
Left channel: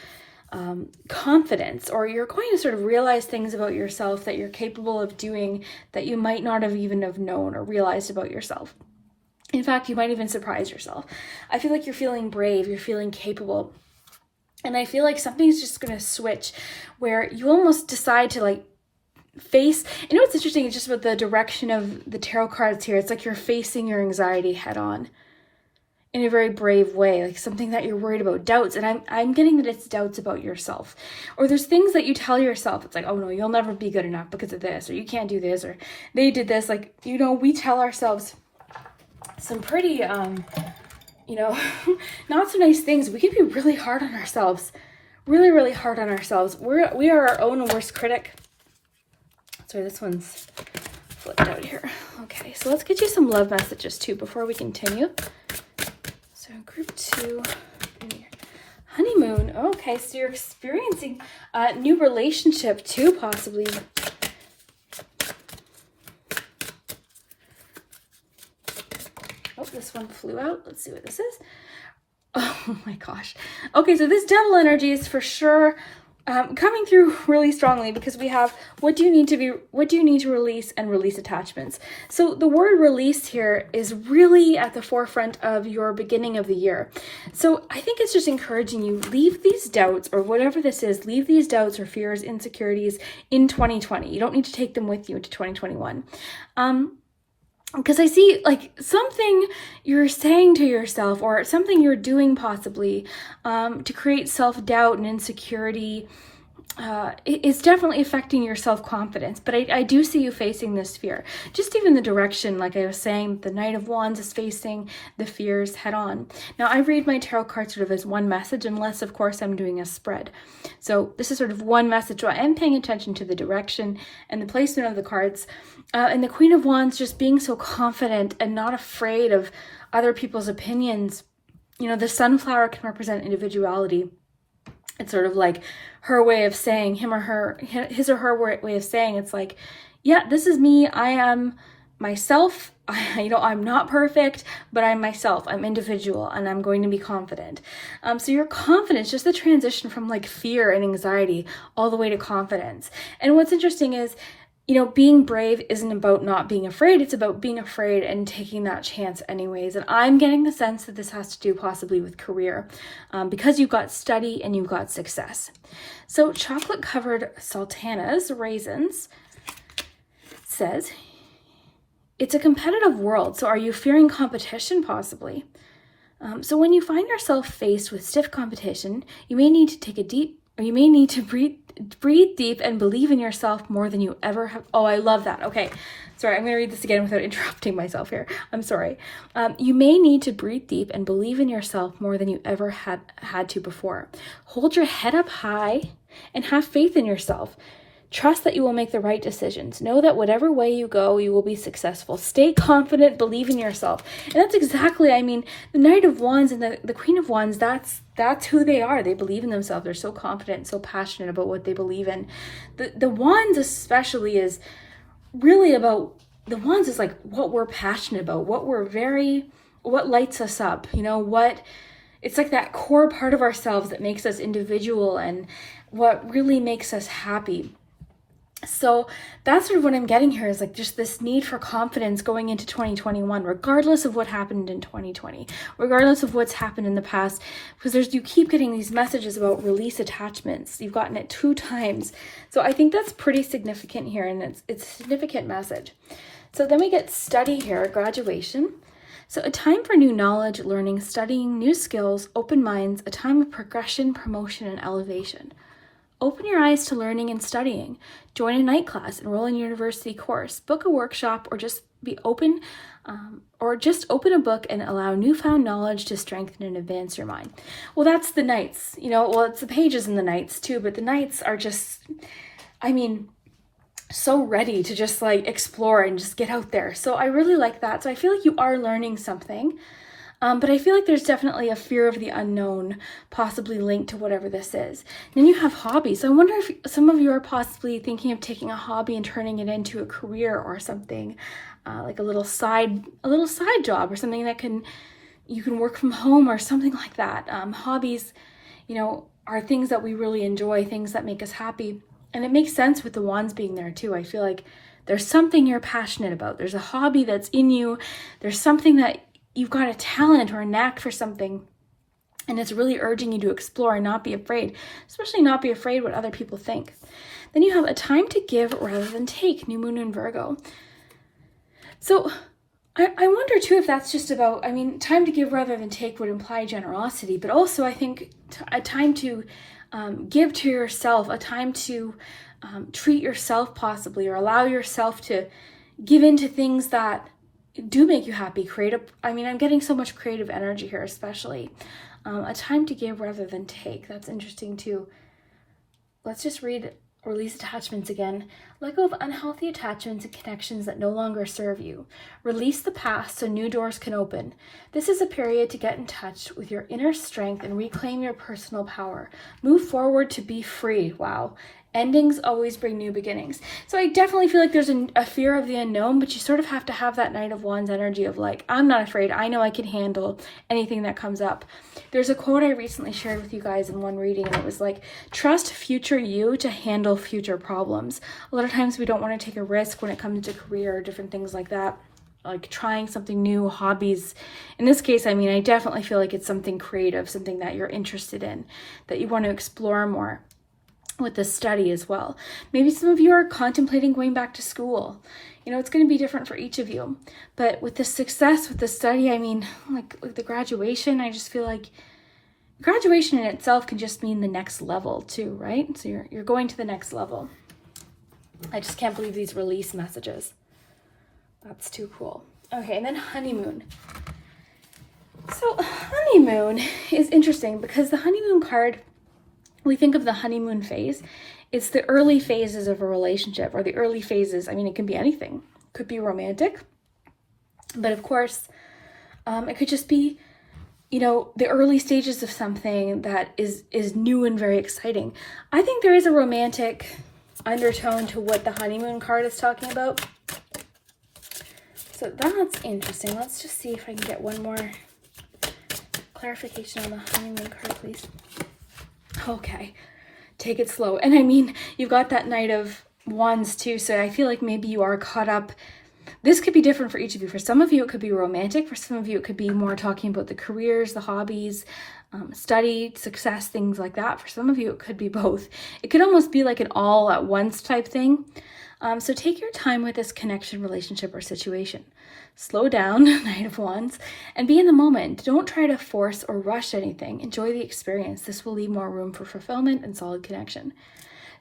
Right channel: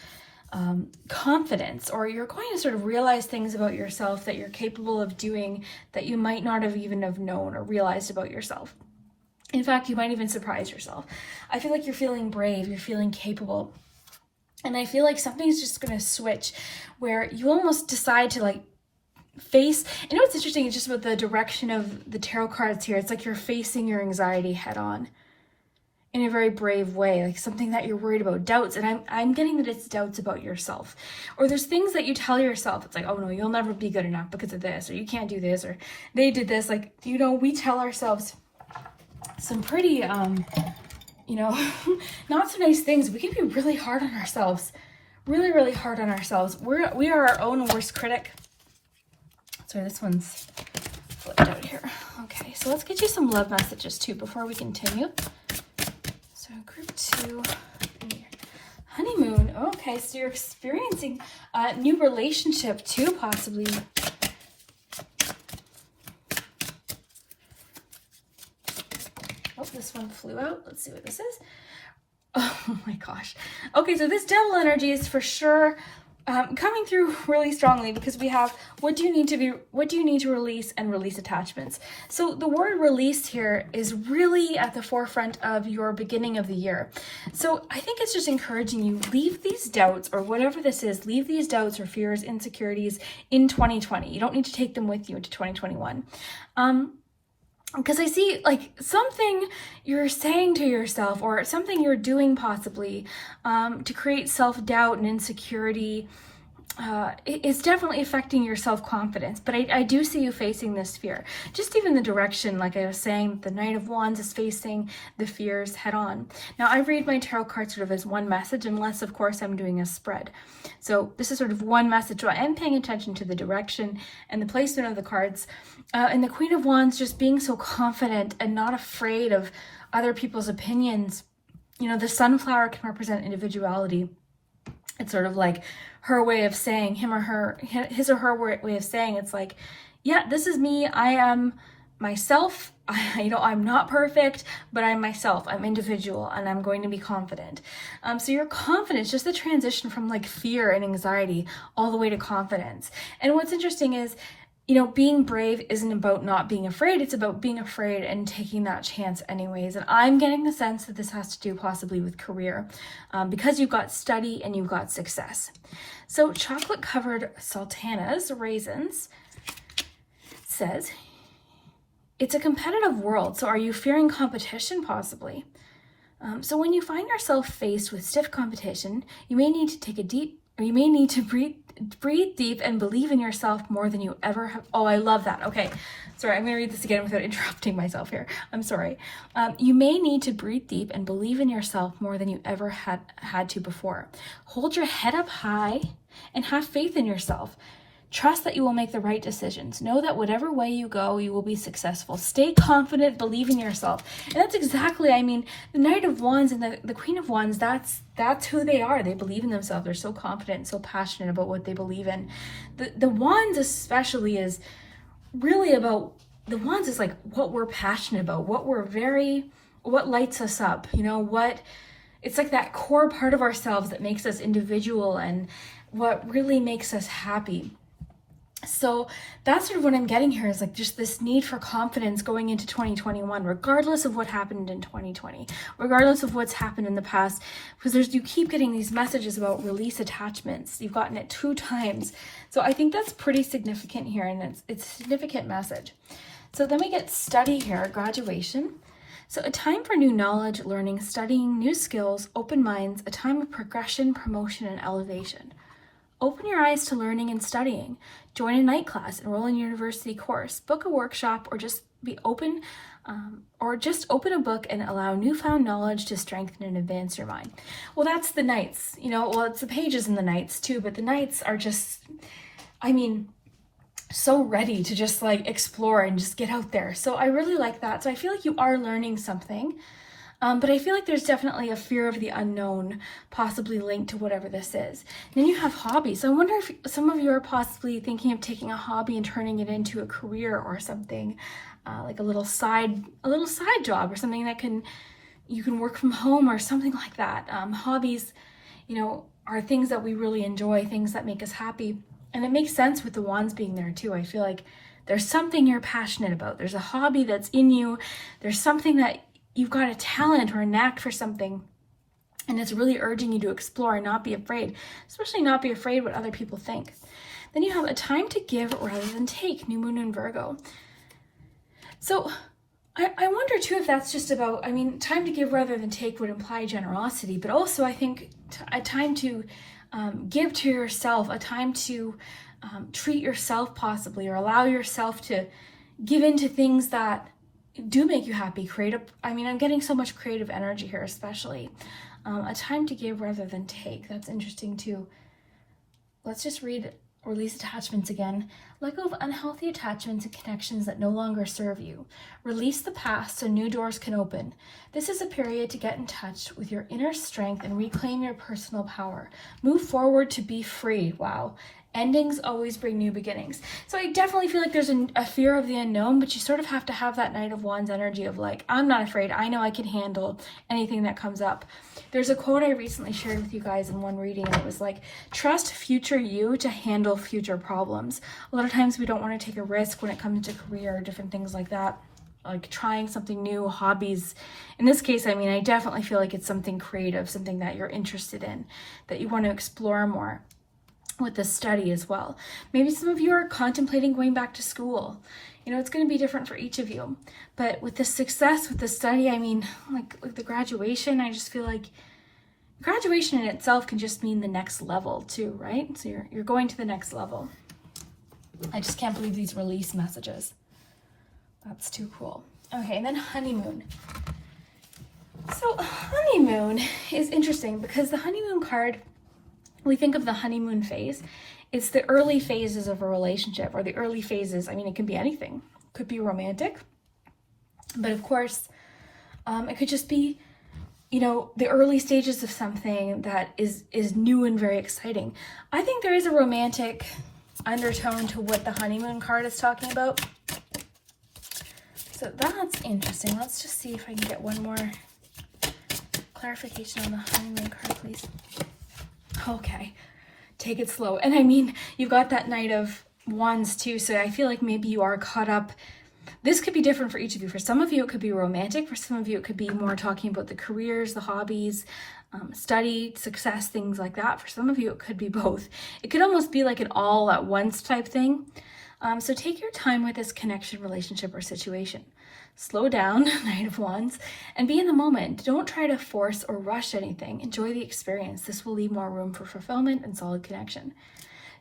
confidence, or you're going to sort of realize things about yourself that you're capable of doing that you might not have even have known or realized about yourself. In fact, you might even surprise yourself. I feel like you're feeling brave, you're feeling capable. And I feel like something's just going to switch where you almost decide to like face, you know what's interesting, it's just about the direction of the tarot cards here. It's like you're facing your anxiety head on in a very brave way, like something that you're worried about, doubts. And I'm getting that it's doubts about yourself. Or there's things that you tell yourself. It's like, oh no, you'll never be good enough because of this, or you can't do this, or they did this. Like, you know, we tell ourselves some pretty, you know, not so nice things. We can be really hard on ourselves, really, really hard on ourselves. We are our own worst critic. Sorry, this one's flipped out here. Okay, so let's get you some love messages too before we continue. Group 2, honeymoon. Okay, so you're experiencing a new relationship too, possibly. Oh, this one flew out. Let's see what this is. Oh my gosh. Okay, so this Devil energy is for sure coming through really strongly, because we have what do you need to release, and release attachments. So the word release here is really at the forefront of your beginning of the year. So I think it's just encouraging you, leave these doubts, or whatever this is, leave these doubts or fears, insecurities in 2020. You don't need to take them with you into 2021. Because I see like something you're saying to yourself, or something you're doing possibly to create self-doubt and insecurity. It's definitely affecting your self-confidence, but I do see you facing this fear. Just even the direction, like I was saying, the Knight of Wands is facing the fears head on. Now, I read my tarot cards sort of as one message, unless, of course, I'm doing a spread. So this is sort of one message. So I am paying attention to the direction and the placement of the cards. And the Queen of Wands just being so confident and not afraid of other people's opinions. You know, the sunflower can represent individuality. It's sort of like her way of saying, his or her way of saying, it's like, yeah, this is me. I am myself. I'm not perfect, but I'm myself. I'm individual, and I'm going to be confident. So your confidence, just the transition from like fear and anxiety all the way to confidence. And what's interesting is, you know, being brave isn't about not being afraid. It's about being afraid and taking that chance anyways. And I'm getting the sense that this has to do possibly with career, because you've got study and you've got success. So chocolate covered sultanas, raisins, says, it's a competitive world. So are you fearing competition possibly? So when you find yourself faced with stiff competition, you may need to breathe deep and believe in yourself more than you ever have. Oh, I love that. Okay. Sorry, I'm going to read this again without interrupting myself here. I'm sorry. You may need to breathe deep and believe in yourself more than you ever had to before. Hold your head up high and have faith in yourself. Trust that you will make the right decisions. Know that whatever way you go, you will be successful. Stay confident, believe in yourself. And that's exactly, I mean, the Knight of Wands and the Queen of Wands, that's who they are. They believe in themselves. They're so confident, so passionate about what they believe in. The Wands especially is really about, the Wands is like what we're passionate about, what lights us up, you know, what it's like that core part of ourselves that makes us individual and what really makes us happy. So that's sort of what I'm getting here, is like just this need for confidence going into 2021, regardless of what happened in 2020, regardless of what's happened in the past, because you keep getting these messages about release attachments. You've gotten it 2 times. So I think that's pretty significant here, and it's a significant message. So then we get study here, graduation. So a time for new knowledge, learning, studying, new skills, open minds, a time of progression, promotion, and elevation. Open your eyes to learning and studying. Join a night class, enroll in a university course, book a workshop, or just open a book and allow newfound knowledge to strengthen and advance your mind. Well, that's the nights, well, it's the pages in the nights too, but the nights are just, so ready to just like explore and just get out there. So I really like that. So I feel like you are learning something. But I feel like there's definitely a fear of the unknown, possibly linked to whatever this is. Then you have hobbies. So I wonder if some of you are possibly thinking of taking a hobby and turning it into a career or something, like a little side job or something that you can work from home or something like that. Hobbies, are things that we really enjoy, things that make us happy. And it makes sense with the wands being there too. I feel like there's something you're passionate about. There's a hobby that's in you. There's something that you've got a talent or a knack for something, and it's really urging you to explore and not be afraid, especially not be afraid what other people think. Then you have a time to give rather than take, new moon in Virgo. So I wonder too if that's just about, time to give rather than take would imply generosity, but also I think a time to give to yourself, a time to treat yourself possibly, or allow yourself to give into things that do make you happy, I'm getting so much creative energy here, especially. A time to give rather than take. That's interesting too. Let's just read release attachments again. Let go of unhealthy attachments and connections that no longer serve you. Release the past so new doors can open. This is a period to get in touch with your inner strength and reclaim your personal power. Move forward to be free. Wow. Endings always bring new beginnings. So I definitely feel like there's a fear of the unknown, but you sort of have to have that Knight of Wands energy of like, I'm not afraid. I know I can handle anything that comes up. There's a quote I recently shared with you guys in one reading that was like, trust future you to handle future problems. A lot of times we don't want to take a risk when it comes to career or different things like that, like trying something new, hobbies. In this case, I definitely feel like it's something creative, something that you're interested in, that you want to explore more. With the study as well. Maybe some of you are contemplating going back to school. It's going to be different for each of you. But with the success with the study, like the graduation, I just feel like graduation in itself can just mean the next level too, right? So you're going to the next level. I just can't believe these release messages. That's too cool. Okay, and then honeymoon. So honeymoon is interesting because the honeymoon card, we think of the honeymoon phase. It's the early phases of a relationship, or the early phases. It can be anything. It could be romantic, but of course, it could just be, the early stages of something that is new and very exciting. I think there is a romantic undertone to what the honeymoon card is talking about. So that's interesting. Let's just see if I can get one more clarification on the honeymoon card, please. Okay, take it slow. And you've got that Knight of Wands too, so I feel like maybe you are caught up. This could be different for each of you. For some of you, it could be romantic. For some of you, it could be more talking about the careers, the hobbies, study, success, things like that. For some of you, it could be both. It could almost be like an all at once type thing. So take your time with this connection, relationship, or situation. Slow down, Knight of Wands, and be in the moment. Don't try to force or rush anything. Enjoy the experience. This will leave more room for fulfillment and solid connection.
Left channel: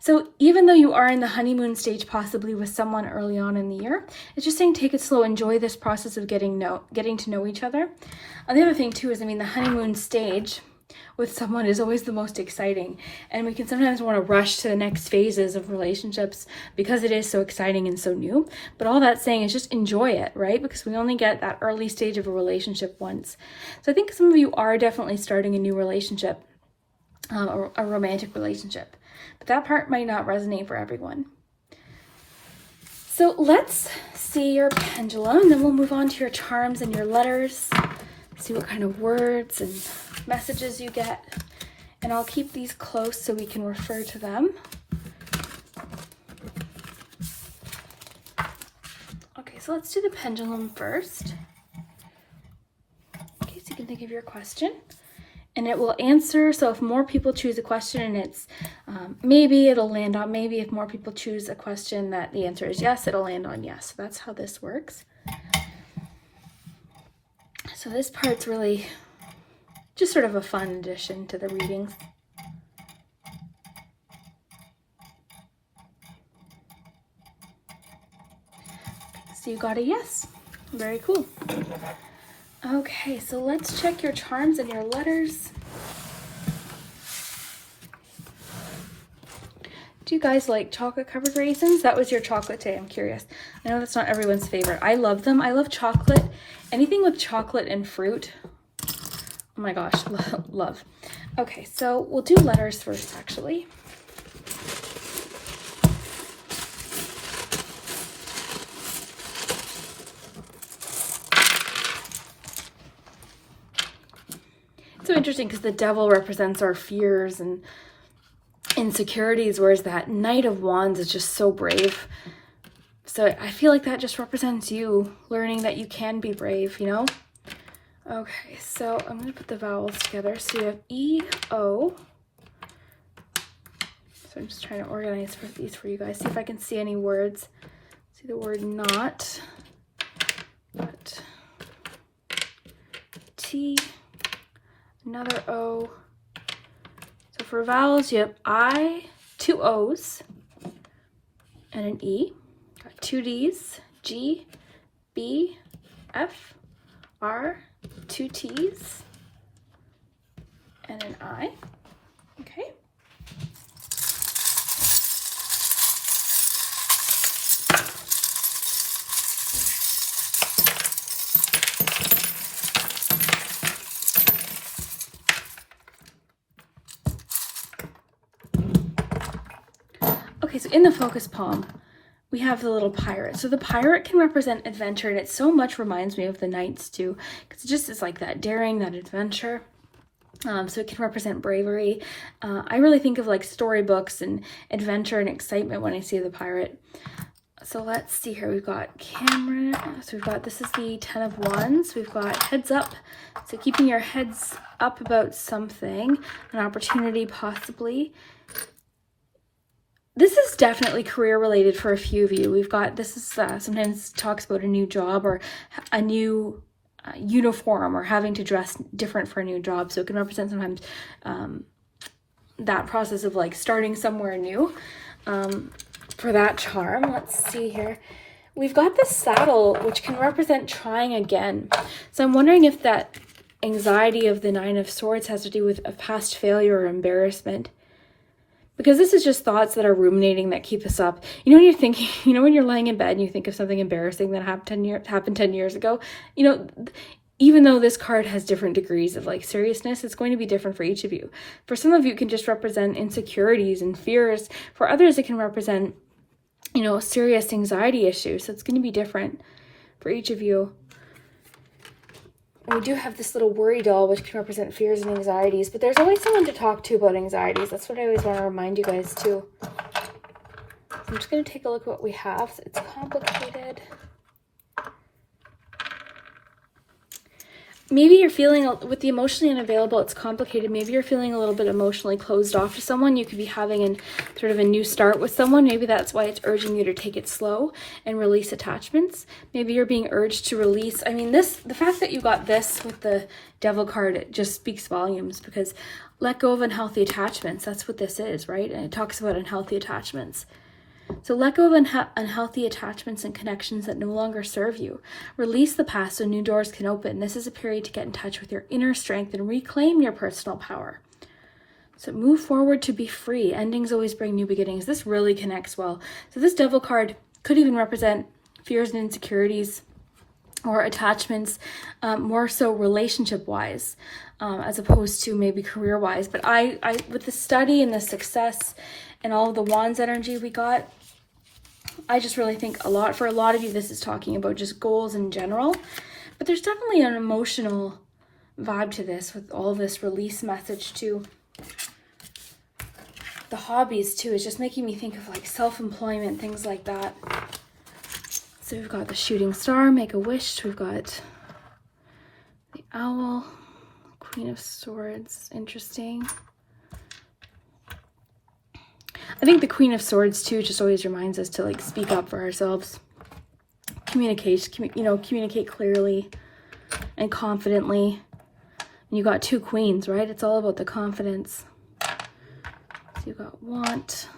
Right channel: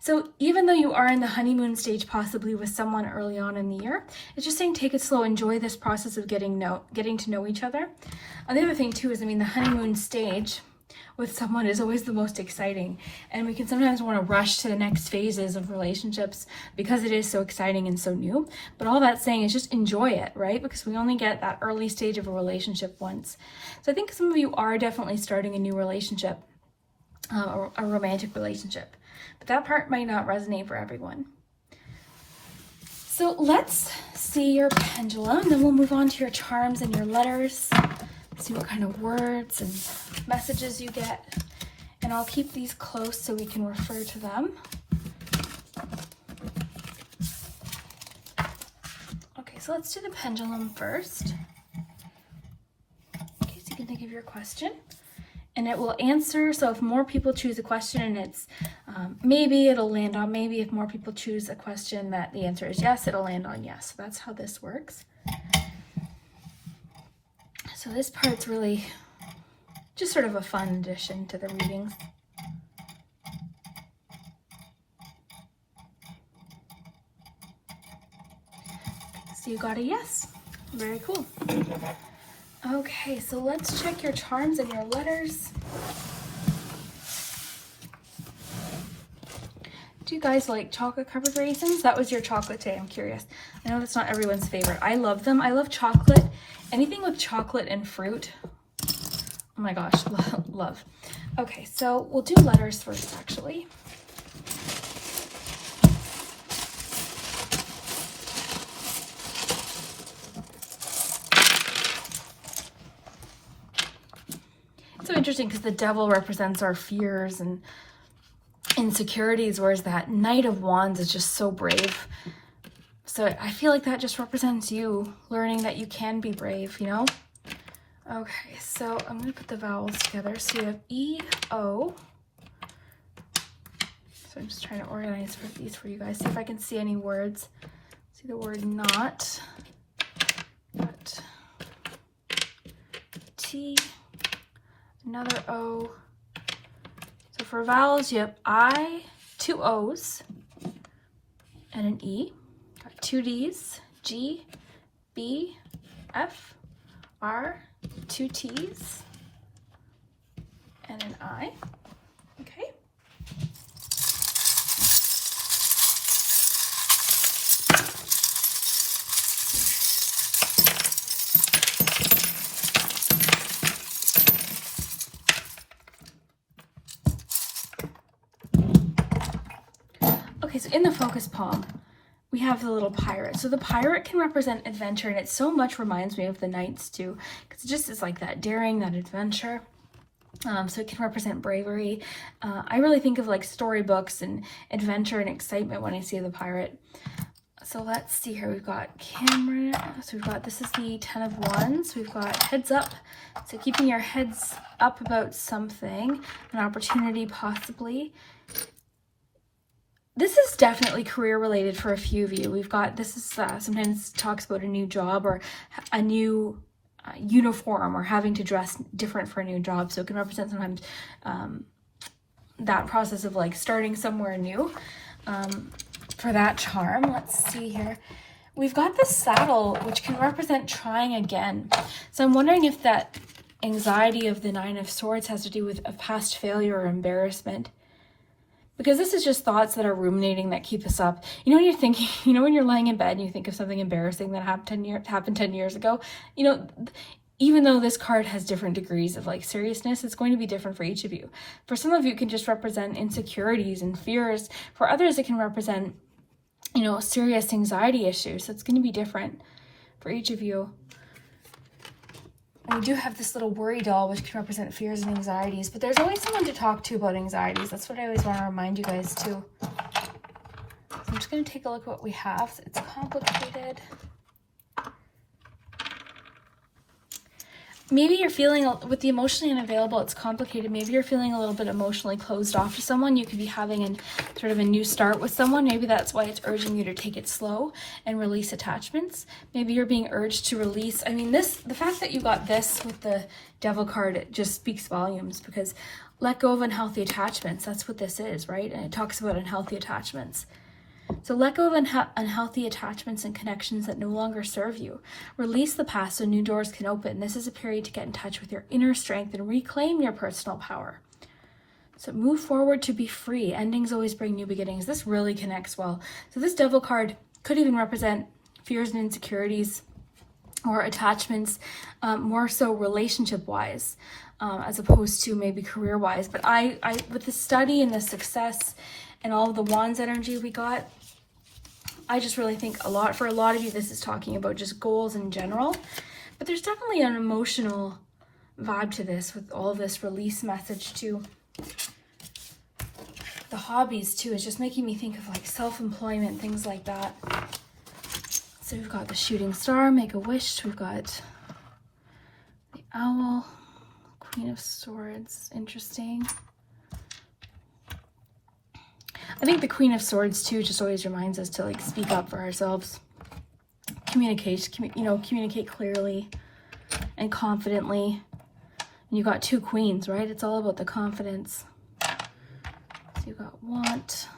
So even though you are in the honeymoon stage, possibly with someone early on in the year, it's just saying take it slow. Enjoy this process of getting to know each other. The other thing too is, the honeymoon stage with someone is always the most exciting, and we can sometimes want to rush to the next phases of relationships because it is so exciting and so new. But all that's saying is just enjoy it, right? Because we only get that early stage of a relationship once. So I think some of you are definitely starting a new relationship, a romantic relationship, but that part might not resonate for everyone. So let's see your pendulum, and then we'll move on to your charms and your letters. See what kind of words and messages you get. And I'll keep these close so we can refer to them. Okay, so let's do the pendulum first. Okay, so you can think of your question. And it will answer, so if more people choose a question and it's maybe, it'll land on maybe. If more people choose a question that the answer is yes, it'll land on yes. So that's how this works. So this part's really just sort of a fun addition to the readings. So you got a yes. Very cool. Okay, so let's check your charms and your letters. Do you guys like chocolate covered raisins? That was your chocolate day, I'm curious. I know that's not everyone's favorite. I love them. I love chocolate. Anything with chocolate and fruit. Oh my gosh, love. Okay, so we'll do letters first, actually. It's so interesting because the devil represents our fears and insecurities, whereas that Knight of Wands is just so brave. So I feel like that just represents you learning that you can be brave, you know? Okay, so I'm going to put the vowels together. So you have E, O. So I'm just trying to organize these for you guys. See if I can see any words. See the word not. T. Another O. So for vowels, you have I, 2 O's, and an E. Got 2 D's, G, B, F, R, 2 T's, and an I. Okay. Okay, so in the focus palm, we have the little pirate. So the pirate can represent adventure, and it so much reminds me of the knights too, because it just is like that daring, that adventure. So it can represent bravery. I really think of like storybooks and adventure and excitement when I see the pirate. So let's see here. We've got camera. So we've got, this is the 10 of Wands. We've got heads up. So keeping your heads up about something, an opportunity possibly. This is definitely career related for a few of you. We've got, this is sometimes talks about a new job or a new uniform or having to dress different for a new job. So it can represent sometimes that process of like starting somewhere new. For that charm, let's see here. We've got the saddle, which can represent trying again. So I'm wondering if that anxiety of the 9 of Swords has to do with a past failure or embarrassment. Because this is just thoughts that are ruminating that keep us up. You know, when you're thinking, you know, when you're laying in bed and you think of something embarrassing that happened 10 years ago, you know, even though this card has different degrees of like seriousness, it's going to be different for each of you. For some of you, it can just represent insecurities and fears. For others, it can represent, you know, serious anxiety issues. So it's going to be different for each of you. And we do have this little worry doll, which can represent fears and anxieties, but there's always someone to talk to about anxieties. That's what I always want to remind you guys too. So I'm just going to take a look at what we have. It's complicated. Maybe you're feeling, with the emotionally unavailable, it's complicated. Maybe you're feeling a little bit emotionally closed off to someone. You could be having sort of a new start with someone. Maybe that's why it's urging you to take it slow and release attachments. Maybe you're being urged to release. I mean, the fact that you got this with the Devil card, it just speaks volumes, because let go of unhealthy attachments. That's what this is, right? And it talks about unhealthy attachments. So let go of unhealthy attachments and connections that no longer serve you. Release the past so new doors can open. This is a period to get in touch with your inner strength and reclaim your personal power. So move forward to be free. Endings always bring new beginnings. This really connects well. So this Devil card could even represent fears and insecurities or attachments, more so relationship-wise, as opposed to maybe career-wise. But I with the study and the success and all of the Wands energy we got, I just really think for a lot of you, this is talking about just goals in general. But there's definitely an emotional vibe to this with all this release message too. The hobbies too is just making me think of like self-employment, things like that. So we've got the shooting star, make a wish. We've got the owl, Queen of Swords, interesting. I think the Queen of Swords too just always reminds us to like speak up for ourselves. Communicate clearly and confidently. And you got two queens, right? It's all about the confidence. So you got want,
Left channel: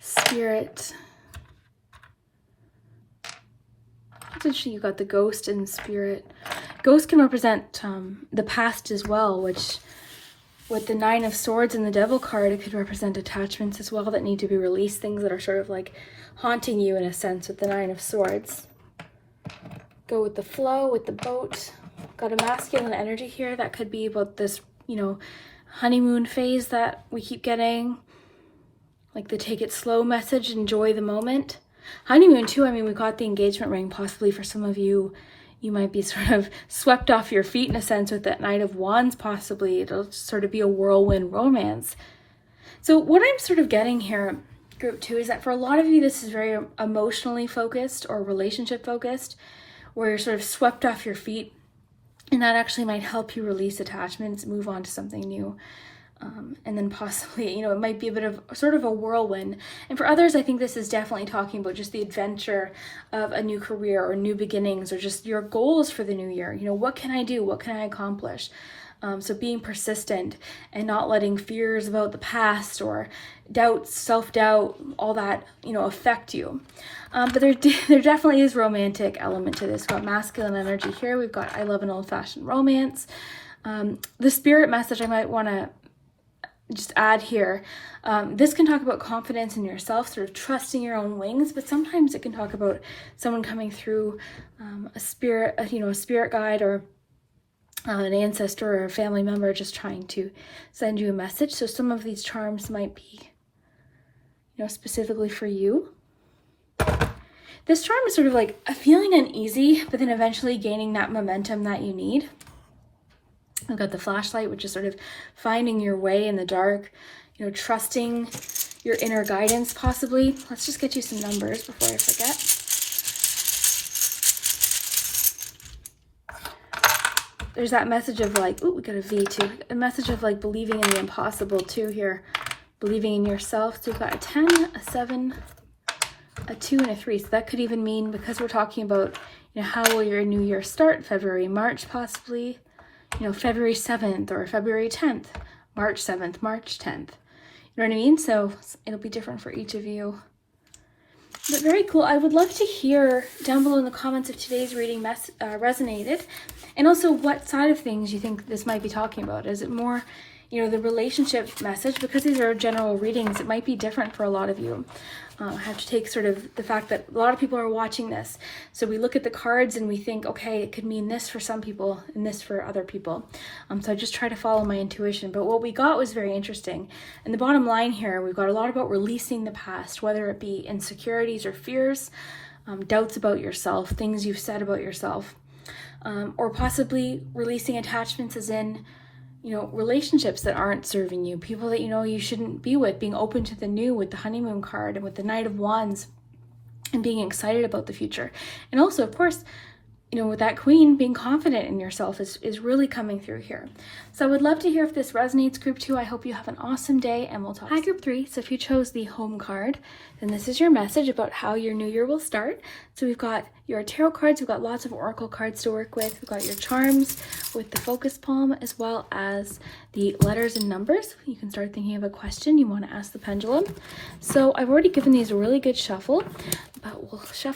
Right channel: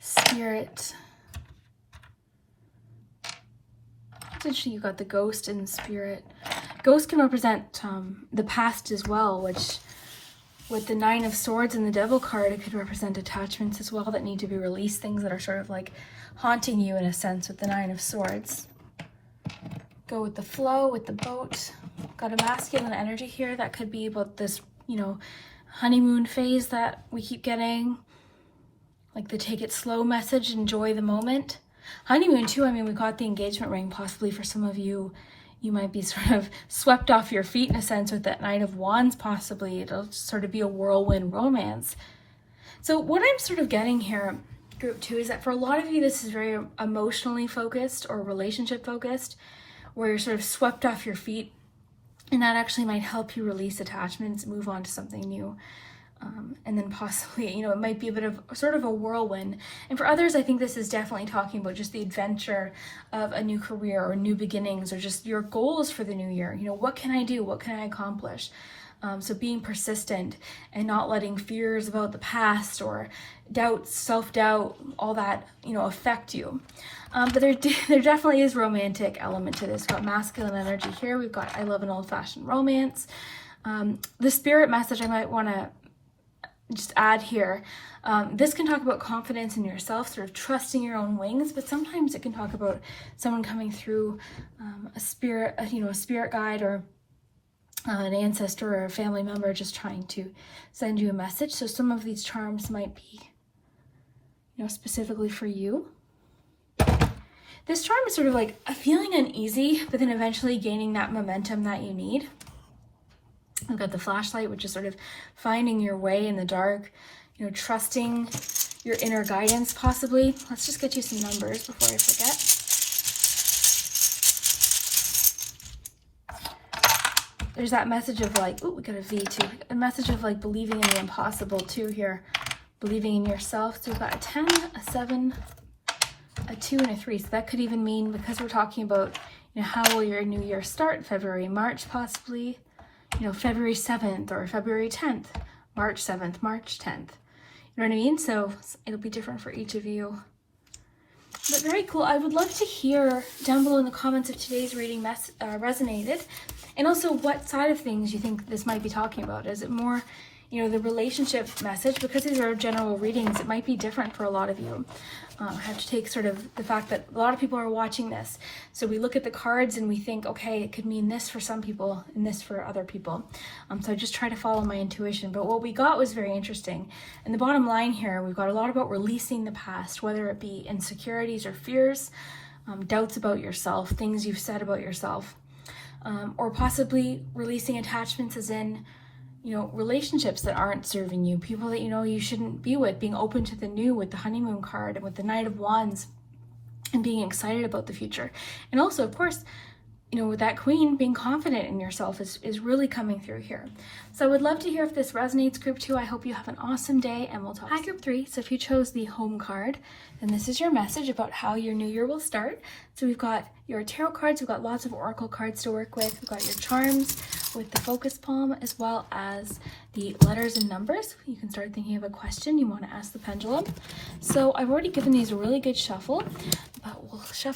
spirit. Essentially, you got the ghost and spirit. Ghost can represent the past as well, which with the Nine of Swords and the Devil card, it could represent attachments as well that need to be released, things that are sort of like haunting you in a sense with the Nine of Swords. Go with the flow, with the boat. Got a masculine energy here. That could be about this, you know, honeymoon phase that we keep getting. Like the take it slow message, enjoy the moment. Honeymoon too, I mean, we got the engagement ring. Possibly for some of you, you might be sort of swept off your feet in a sense with that Knight of Wands, possibly. It'll sort of be a whirlwind romance. So what I'm sort of getting here, group 2, is that for a lot of you, this is very emotionally focused or relationship focused, where you're sort of swept off your feet, and that actually might help you release attachments, move on to something new. And then possibly, you know, it might be a bit of sort of a whirlwind. And for others, I think this is definitely talking about just the adventure of a new career or new beginnings or just your goals for the new year. You know, what can I do? What can I accomplish? So being persistent and not letting fears about the past or doubts, self-doubt, all that, you know, affect you. But there definitely is romantic element to this. We've got masculine energy here. We've got I love an old-fashioned romance. The spirit message I might want to just add here. This can talk about confidence in yourself, sort of trusting your own wings, but sometimes it can talk about someone coming through a spirit guide or an ancestor or a family member just trying to send you a message. So some of these charms might be, you know, specifically for you. This charm is sort of like a feeling uneasy, but then eventually gaining that momentum that you need. We've got the flashlight, which is sort of finding your way in the dark, you know, trusting your inner guidance possibly. Let's just get you some numbers before I forget. There's that message of like, oh, we got a V too. A message of like believing in the impossible too here. Believing in yourself. So we've got a 10, a 7, a 2, and a 3. So that could even mean, because we're talking about, you know, how will your new year start? February, March possibly. You know, February 7th or February 10th, March 7th, March 10th. You know what I mean? So it'll be different for each of you. But very cool. I would love to hear down below in the comments if today's reading resonated. And also what side of things you think this might be talking about. Is it more, you know, the relationship message? Because these are general readings, it might be different for a lot of you. I have to take sort of the fact that a lot of people are watching this. So we look at the cards and we think, okay, it could mean this for some people and this for other people. So I just try to follow my intuition. But what we got was very interesting. And the bottom line here, we've got a lot about releasing the past, whether it be insecurities or fears, doubts about yourself, things you've said about yourself, or possibly releasing attachments as in, you know, relationships that aren't serving you, people that you know you shouldn't be with, being open to the new with the honeymoon card and with the Knight of Wands and being excited about the future. And also, of course, you know, with that Queen, being confident in yourself is really coming through here. So I would love to hear if this resonates, group 2. I hope you have an awesome day and we'll talk. Hi, group 3. So if you chose the home card, then this is your message about how your new year will start. So we've got your tarot cards, we've got lots of oracle cards to work with, we've got your charms with the focus palm, as well as the letters and numbers. You can start thinking of a question you want to ask the pendulum. So I've already given these a really good shuffle.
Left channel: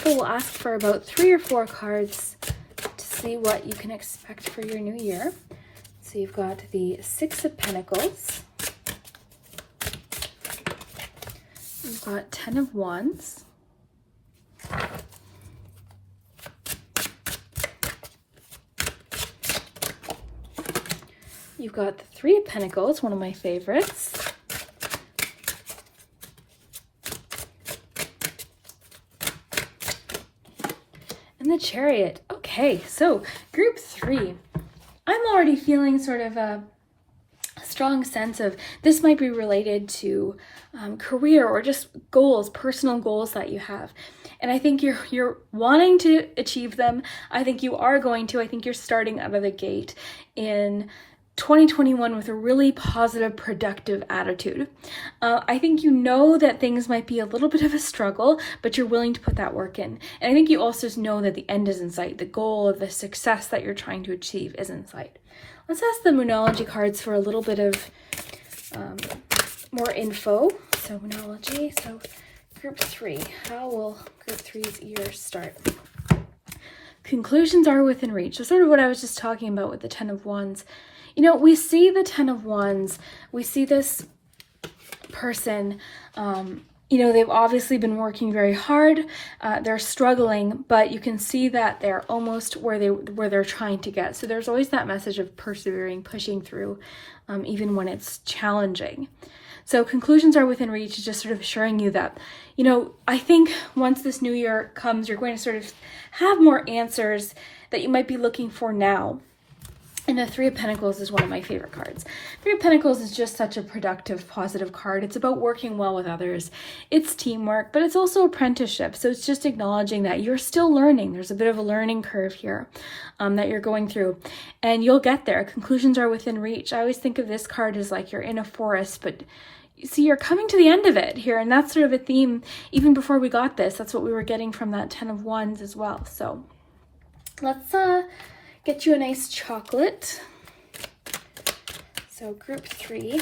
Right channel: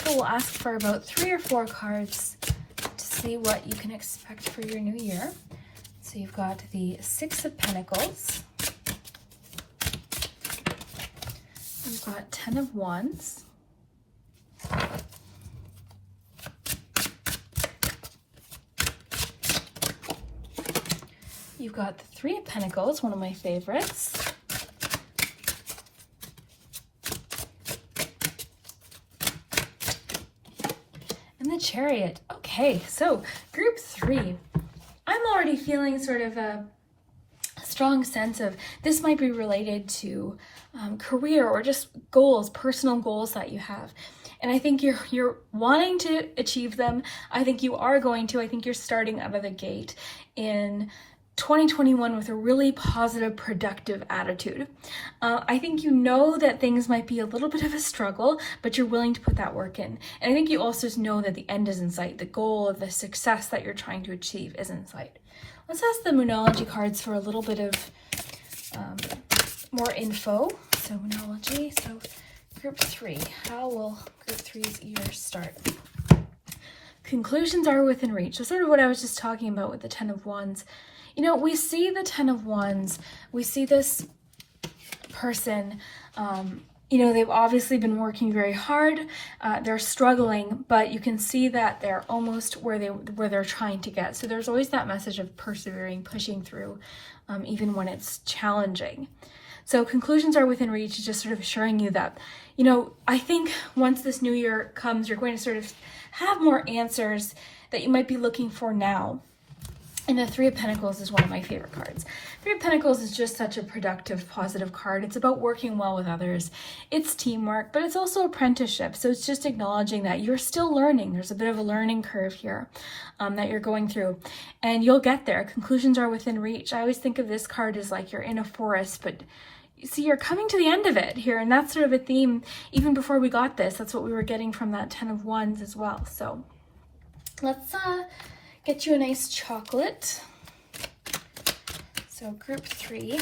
We'll ask for about 3 or 4 cards to see what you can expect for your new year. So you've got the 6 of Pentacles. You've got 10 of Wands. You've got the 3 of Pentacles, one of my favorites. And the Chariot. Okay. Okay, so group 3. I'm already feeling sort of a strong sense of this might be related to career or just goals, personal goals that you have. And I think you're wanting to achieve them. I think you are going to. I think you're starting out of the gate in 2021 with a really positive, productive attitude. I think you know that things might be a little bit of a struggle, but you're willing to put that work in. And I think you also know that the end is in sight. The goal of the success that you're trying to achieve is in sight. Let's ask the Moonology cards for a little bit of more info. So Moonology, so group 3. How will group 3's year start? Conclusions are within reach. So sort of what I was just talking about with the 10 of Wands. You know, we see the 10 of Wands, we see this person, you know, they've obviously been working very hard, they're struggling, but you can see that they're almost where they're trying to get. So there's always that message of persevering, pushing through, even when it's challenging. So conclusions are within reach, just sort of assuring you that, you know, I think once this new year comes, you're going to sort of have more answers that you might be looking for now. And the 3 of Pentacles is one of my favorite cards. 3 of Pentacles is just such a productive, positive card. It's about working well with others. It's teamwork, but it's also apprenticeship. So it's just acknowledging that you're still learning. There's a bit of a learning curve here that you're going through. And you'll get there. Conclusions are within reach. I always think of this card as like you're in a forest, but you see, you're coming to the end of it here. And that's sort of a theme. Even before we got this, that's what we were getting from that 10 of Wands as well. So let's get you a nice chocolate. So group 3.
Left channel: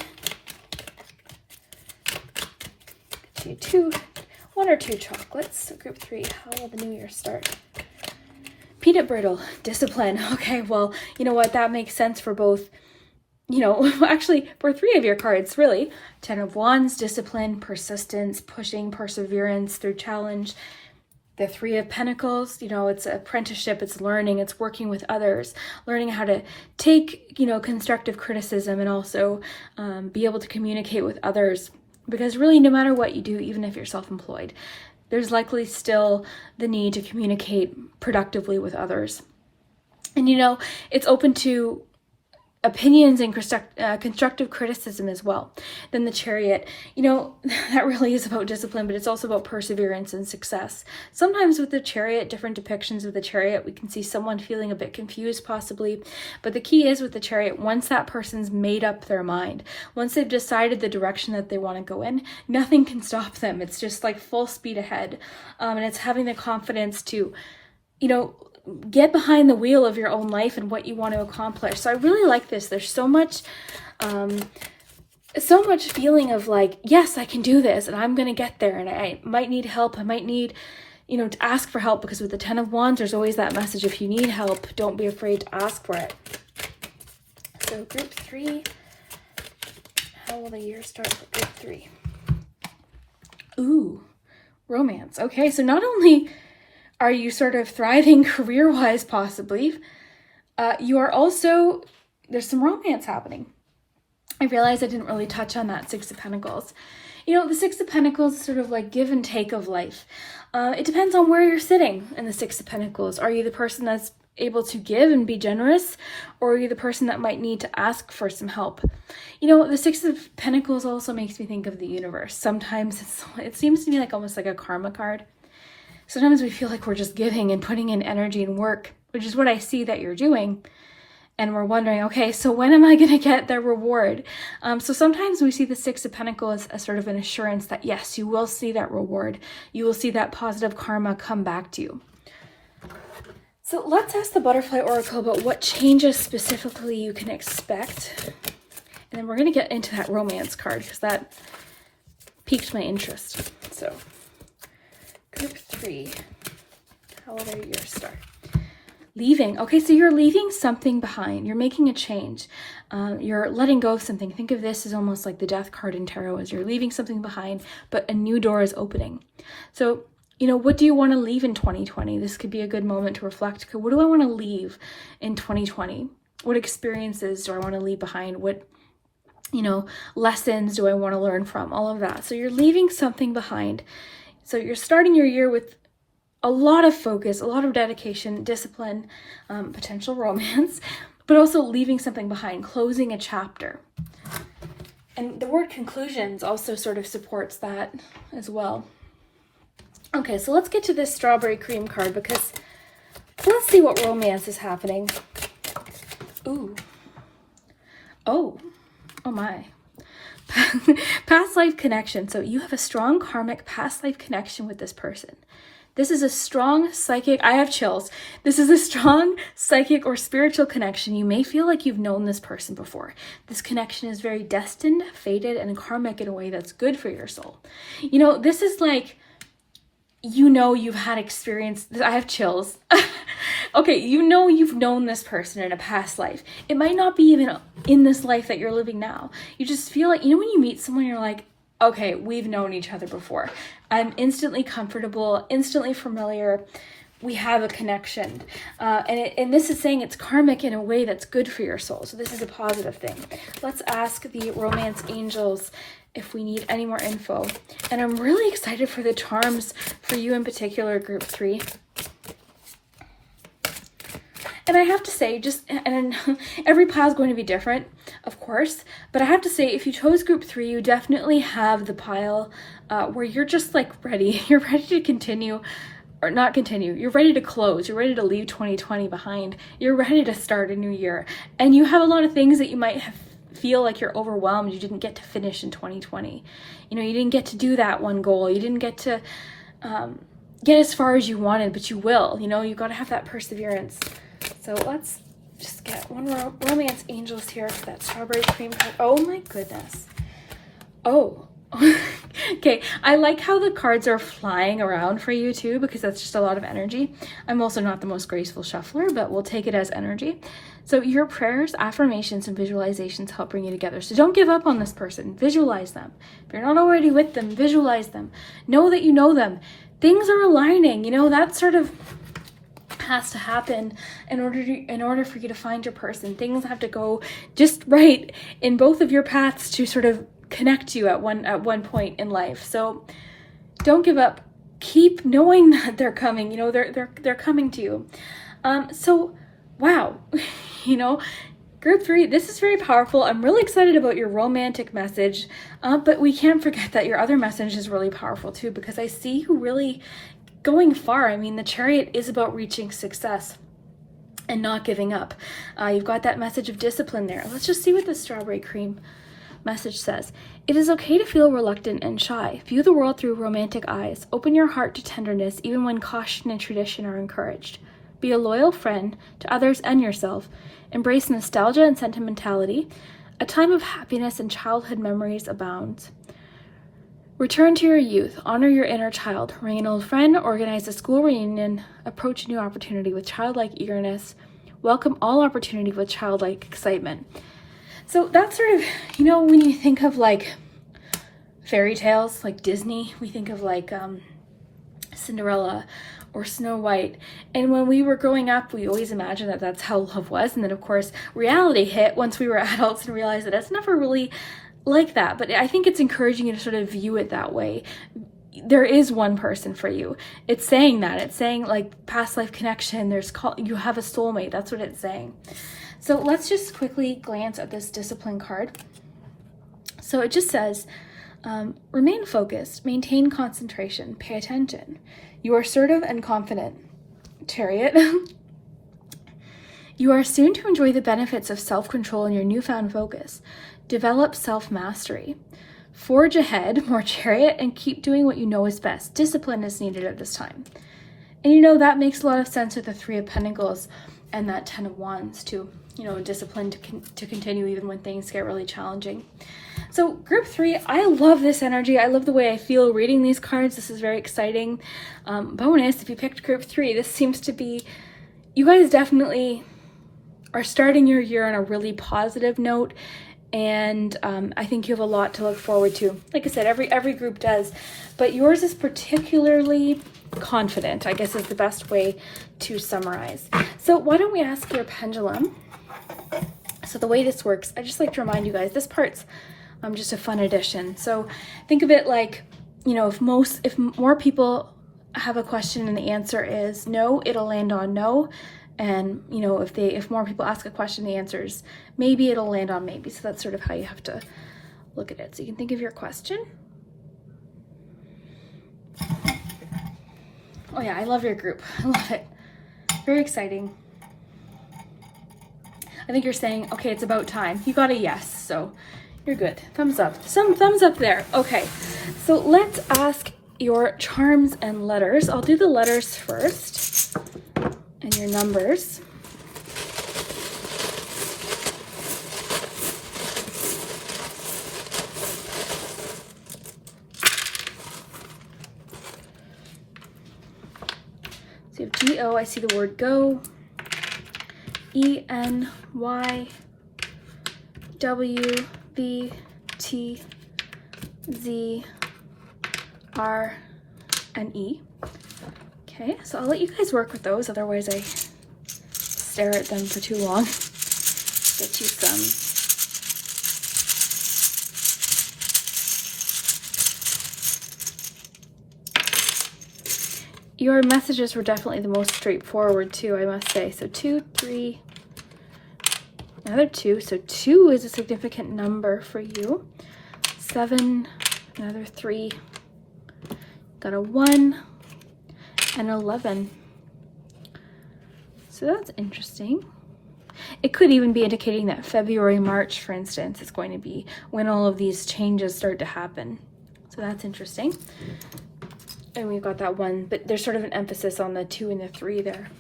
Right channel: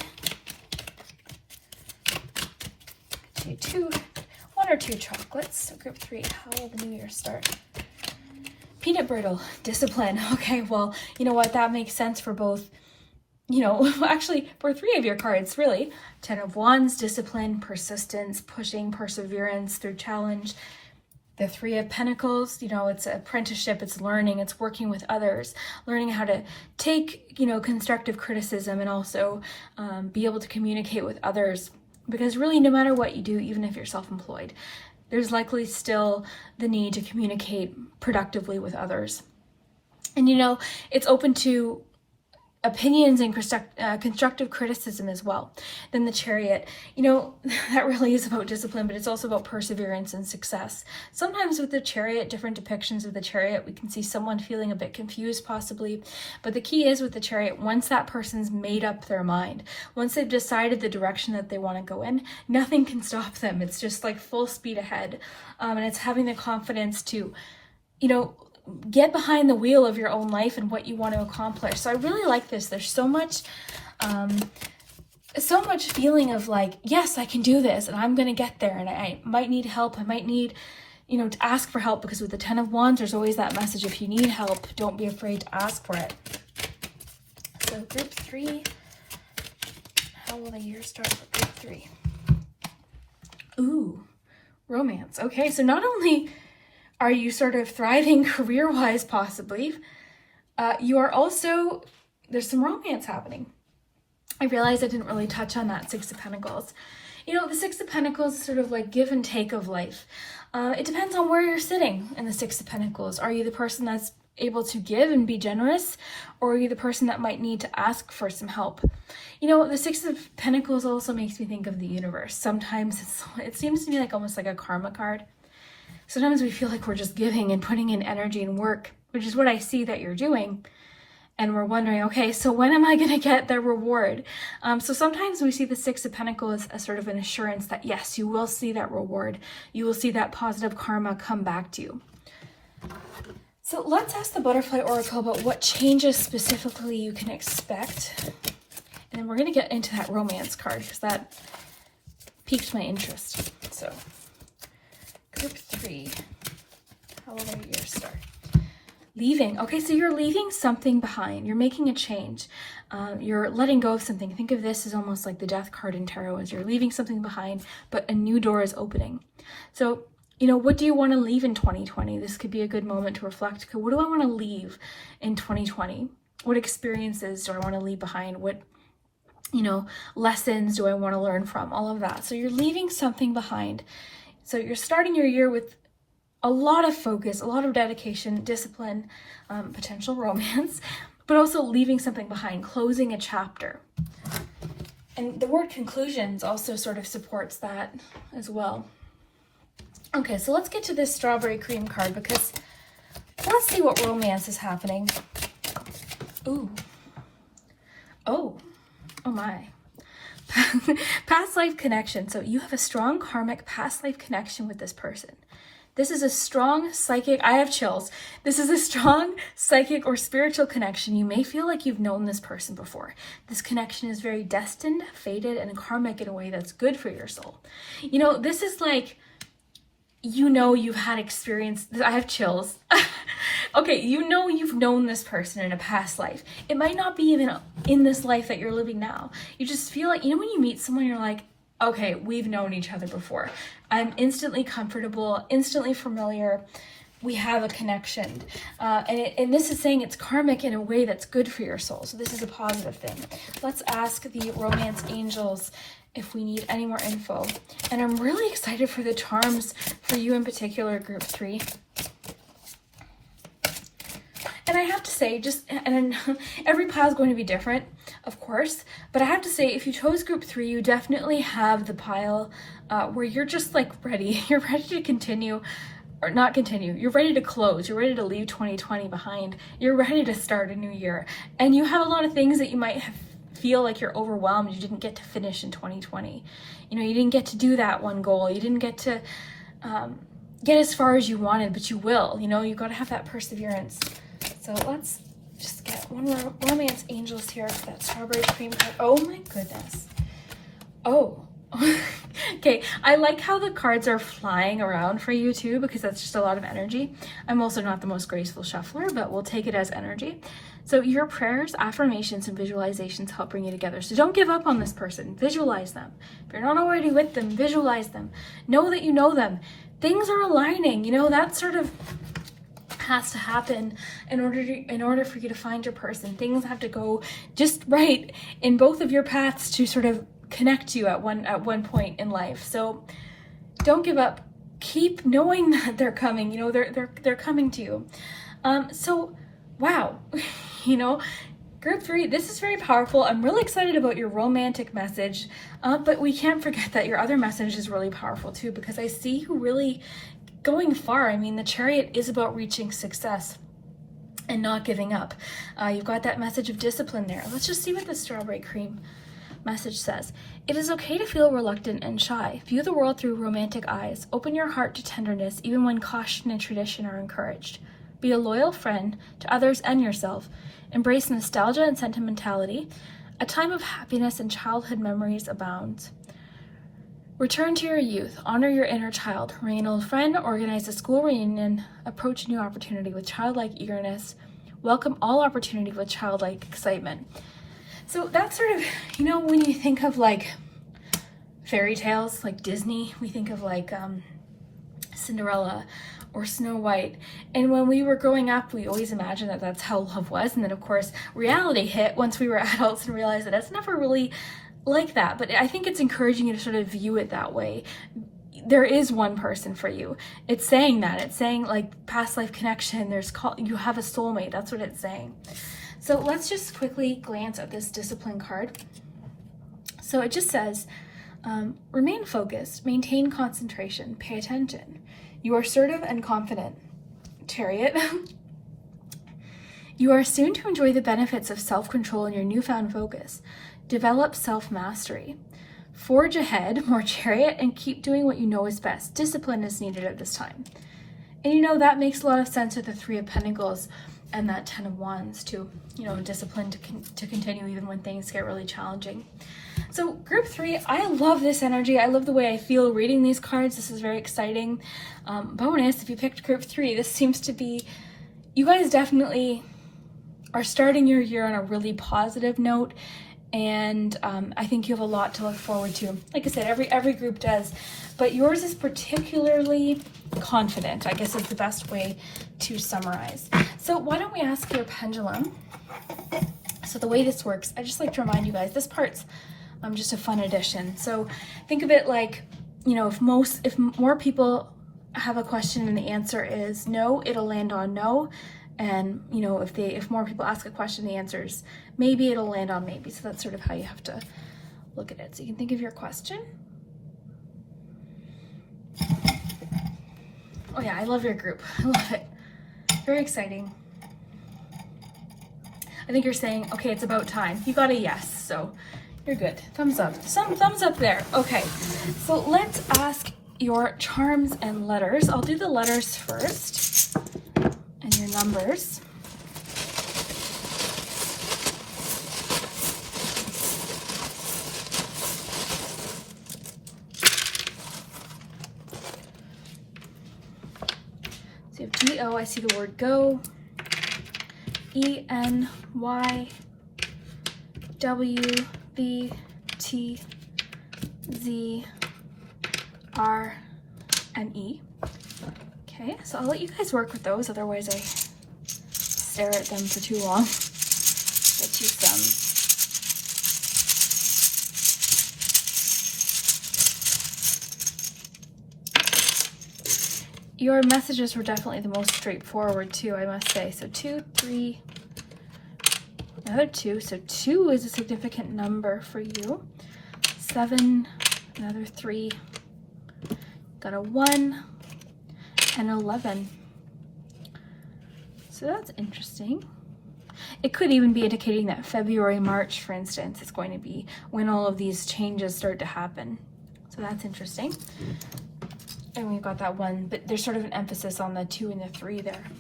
Get you 1 or 2 chocolates. So group 3, how will the new year start? Peanut brittle, discipline. Okay, well, you know what? That makes sense for both, you know, actually for 3 of your cards, really. 10 of Wands, discipline, persistence, pushing, perseverance through challenge. The 3 of Pentacles, you know, it's apprenticeship, it's learning, it's working with others, learning how to take, you know, constructive criticism and also be able to communicate with others. Because really, no matter what you do, even if you're self-employed, there's likely still the need to communicate productively with others. And, you know, it's open to opinions and constructive criticism as well. Then the Chariot, you know, that really is about discipline, but it's also about perseverance and success. Sometimes with the Chariot, different depictions of the Chariot, we can see someone feeling a bit confused possibly, but the key is with the Chariot, once that person's made up their mind, once they've decided the direction that they want to go in, nothing can stop them. It's just like full speed ahead. And it's having the confidence to, you know, get behind the wheel of your own life and what you want to accomplish. So I really like this. There's so much feeling of like, yes, I can do this and I'm going to get there, and I might need help. I might need, you know, to ask for help, because with the 10 of Wands, there's always that message. If you need help, don't be afraid to ask for it. So group 3, how will the year start for group 3? Ooh, romance. Okay, so not only are you sort of thriving career-wise possibly, you are also, there's some romance happening. I realized I didn't really touch on that 6 of Pentacles. You know, the 6 of Pentacles is sort of like give and take of life. It depends on where you're sitting in the 6 of Pentacles. Are you the person that's able to give and be generous, or are you the person that might need to ask for some help? You know, the 6 of Pentacles also makes me think of the universe. Sometimes it seems to be like almost like a karma card. Sometimes we feel like we're just giving and putting in energy and work, which is what I see that you're doing. And we're wondering, okay, so when am I going to get the reward? So sometimes we see the 6 of Pentacles as sort of an assurance that, yes, you will see that reward. You will see that positive karma come back to you. So let's ask the Butterfly Oracle about what changes specifically you can expect. And then we're going to get into that romance card because that piqued my interest. So group 3, how will your year start? Leaving. Okay, so you're leaving something behind. You're making a change. You're letting go of something. Think of this as almost like the Death card in Tarot, as you're leaving something behind, but a new door is opening. So, you know, what do you want to leave in 2020? This could be a good moment to reflect. What do I want to leave in 2020? What experiences do I want to leave behind? What, you know, lessons do I want to learn from? All of that. So you're leaving something behind. So you're starting your year with a lot of focus, a lot of dedication, discipline, potential romance, but also leaving something behind, closing a chapter. And the word conclusions also sort of supports that as well. Okay, so let's get to this strawberry cream card, because let's see what romance is happening. Ooh. Oh my. Past life connection. So you have a strong karmic past life connection with this person. This is a strong psychic, I have chills. This is a strong psychic or spiritual connection. You may feel like you've known this person before. This connection is very destined, fated, and karmic in a way that's good for your soul. You know, this is like, you know, you've had experience. I have chills. Okay, you know you've known this person in a past life. It might not be even in this life that you're living now. You just feel like, you know, when you meet someone, you're like, okay, we've known each other before. I'm instantly comfortable, instantly familiar. We have a connection. And this is saying it's karmic in a way that's good for your soul. So this is a positive thing. Let's ask the romance angels if we need any more info. And I'm really excited for the charms for you in particular, group 3. And I have to say, and every pile is going to be different, of course, but I have to say, if you chose group 3, you definitely have the pile where you're just like ready. You're ready to continue, or not continue. You're ready to close. You're ready to leave 2020 behind. You're ready to start a new year. And you have a lot of things that you might feel like you're overwhelmed. You didn't get to finish in 2020. You know, you didn't get to do that one goal. You didn't get to get as far as you wanted, but you will. You know, you've got to have that perseverance. So let's just get one more romance angels here for that strawberry cream card. Oh my goodness. Oh. Okay, I like how the cards are flying around for you too, because that's just a lot of energy. I'm also not the most graceful shuffler, but we'll take it as energy. So your prayers, affirmations, and visualizations help bring you together. So don't give up on this person. Visualize them. If you're not already with them, visualize them. Know that you know them. Things are aligning. You know, that sort of has to happen in order for you to find your person. Things have to go just right in both of your paths to sort of connect you at one point in life. So don't give up. Keep knowing that they're coming. You know, they're coming to you. So wow, you know, group 3, this is very powerful. I'm really excited about your romantic message, but we can't forget that your other message is really powerful too, because I see you really going far. I mean, the Chariot is about reaching success and not giving up. You've got that message of discipline there. Let's just see what the strawberry cream message says. It is okay to feel reluctant and shy. View the world through romantic eyes. Open your heart to tenderness, even when caution and tradition are encouraged. Be a loyal friend to others and yourself. Embrace nostalgia and sentimentality. A time of happiness and childhood memories abounds. Return to your youth, honor your inner child, ring an old friend, organize a school reunion, approach a new opportunity with childlike eagerness, welcome all opportunity with childlike excitement. So that's sort of, you know, when you think of like fairy tales, like Disney, we think of like Cinderella or Snow White. And when we were growing up, we always imagined that that's how love was. And then of course, reality hit once we were adults and realized that it's never really like that. But I think it's encouraging you to sort of view it that way. There is one person for you. It's saying that. It's saying like past life connection. You have a soulmate. That's what it's saying. So let's just quickly glance at this discipline card. So it just says, remain focused, maintain concentration, pay attention. You are assertive and confident. Chariot. You are soon to enjoy the benefits of self-control and your newfound focus. Develop self-mastery. Forge ahead, more Chariot, and keep doing what you know is best. Discipline is needed at this time. And you know, that makes a lot of sense with the 3 of Pentacles and that 10 of Wands too. You know, discipline to continue even when things get really challenging. So group 3, I love this energy. I love the way I feel reading these cards. This is very exciting. Bonus, if you picked group 3, this seems to be, you guys definitely are starting your year on a really positive note. And I think you have a lot to look forward to. Like I said, every group does, but yours is particularly confident, I guess is the best way to summarize. So why don't we ask your pendulum? So the way this works, I just like to remind you guys, this part's just a fun addition. So think of it like, you know, if more people have a question and the answer is no, it'll land on no. And you know, if more people ask a question, the answer is maybe, it'll land on maybe. So that's sort of how you have to look at it. So you can think of your question. Oh yeah, I love your group. I love it. Very exciting. I think you're saying, okay, it's about time. You got a yes, so you're good. Thumbs up. Some thumbs up there. Okay, so let's ask your charms and letters. I'll do the letters first and your numbers. So you have G-O, I see the word go. E-N-Y, W-V-T-Z, R, and E. Okay, so I'll let you guys work with those, otherwise I stare at them for too long. Get you some. Your messages were definitely the most straightforward too, I must say. So 2, 3, another 2. So 2 is a significant number for you. 7, another 3, got a 1, and 11. So that's interesting. It could even be indicating that February, March, for instance, is going to be when all of these changes start to happen. So that's interesting. And we've got that 1, but there's sort of an emphasis on the 2 and the 3 there.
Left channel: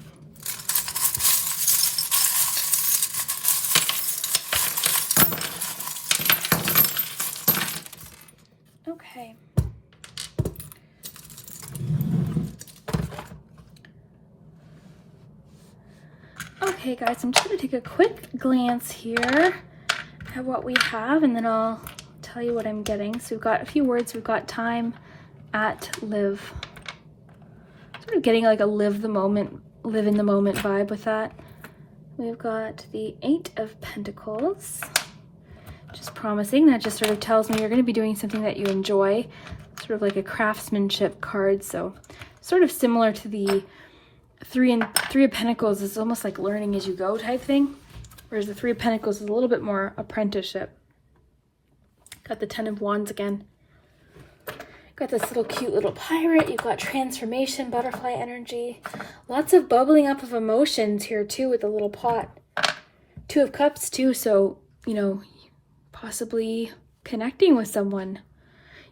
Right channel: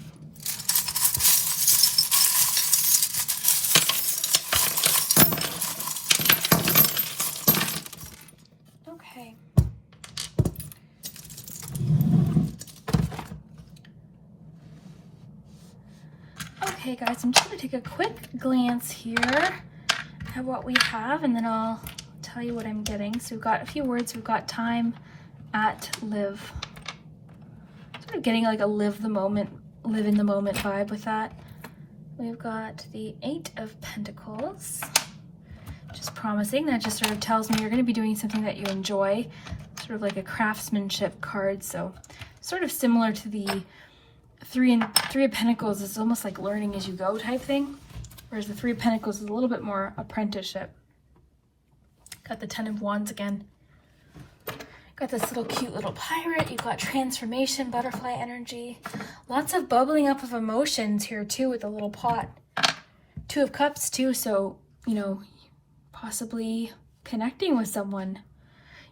Okay. Okay guys, I'm just gonna take a quick glance here at what we have, and then I'll tell you what I'm getting. So we've got a few words. We've got time, at, live. Sort of getting like a live the moment, live in the moment vibe with that. We've got the 8 of Pentacles. Just promising, that just sort of tells me you're going to be doing something that you enjoy. Sort of like a craftsmanship card. So sort of similar to the 3 of Pentacles is almost like learning as you go type thing. Whereas the 3 of Pentacles is a little bit more apprenticeship. Got the 10 of Wands again. Got this little cute little pirate. You've got transformation, butterfly energy. Lots of bubbling up of emotions here too with the little pot. 2 of Cups too, so, you know, possibly connecting with someone.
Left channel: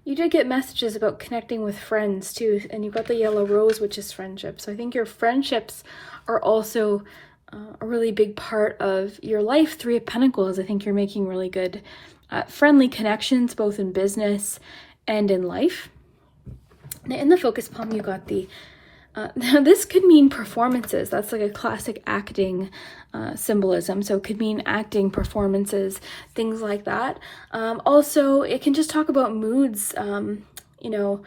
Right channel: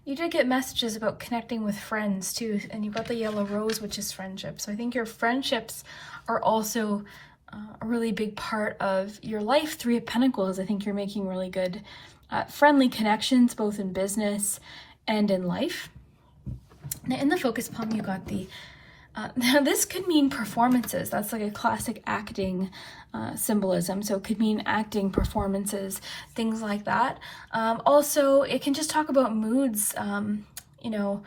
You did get messages about connecting with friends too, and you've got the yellow rose, which is friendship. So I think your friendships are also a really big part of your life. 3 of Pentacles, I think you're making really good friendly connections, both in business and in life. Now in the focus palm, you got the, now this could mean performances. That's like a classic acting symbolism. So it could mean acting, performances, things like that. Also, it can just talk about moods, you know,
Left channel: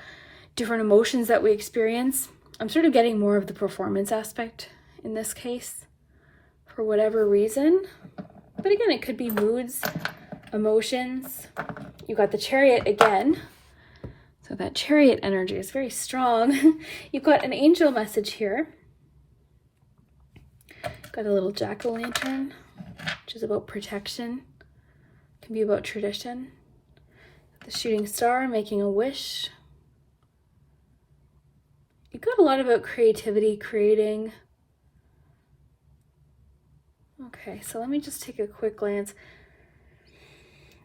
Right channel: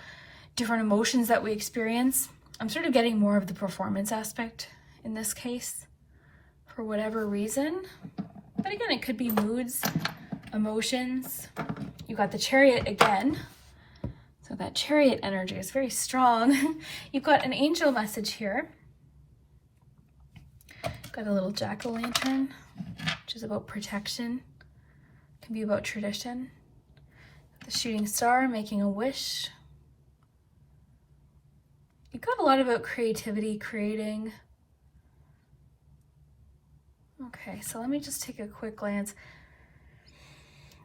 different emotions that we experience. I'm sort of getting more of the performance aspect in this case for whatever reason. But again, it could be moods, emotions. You got the Chariot again. So that Chariot energy is very strong. You've got an angel message here. Got a little jack-o'-lantern, which is about protection. Can be about tradition. The shooting star, making a wish. You've got a lot about creativity, creating. Okay, so let me just take a quick glance.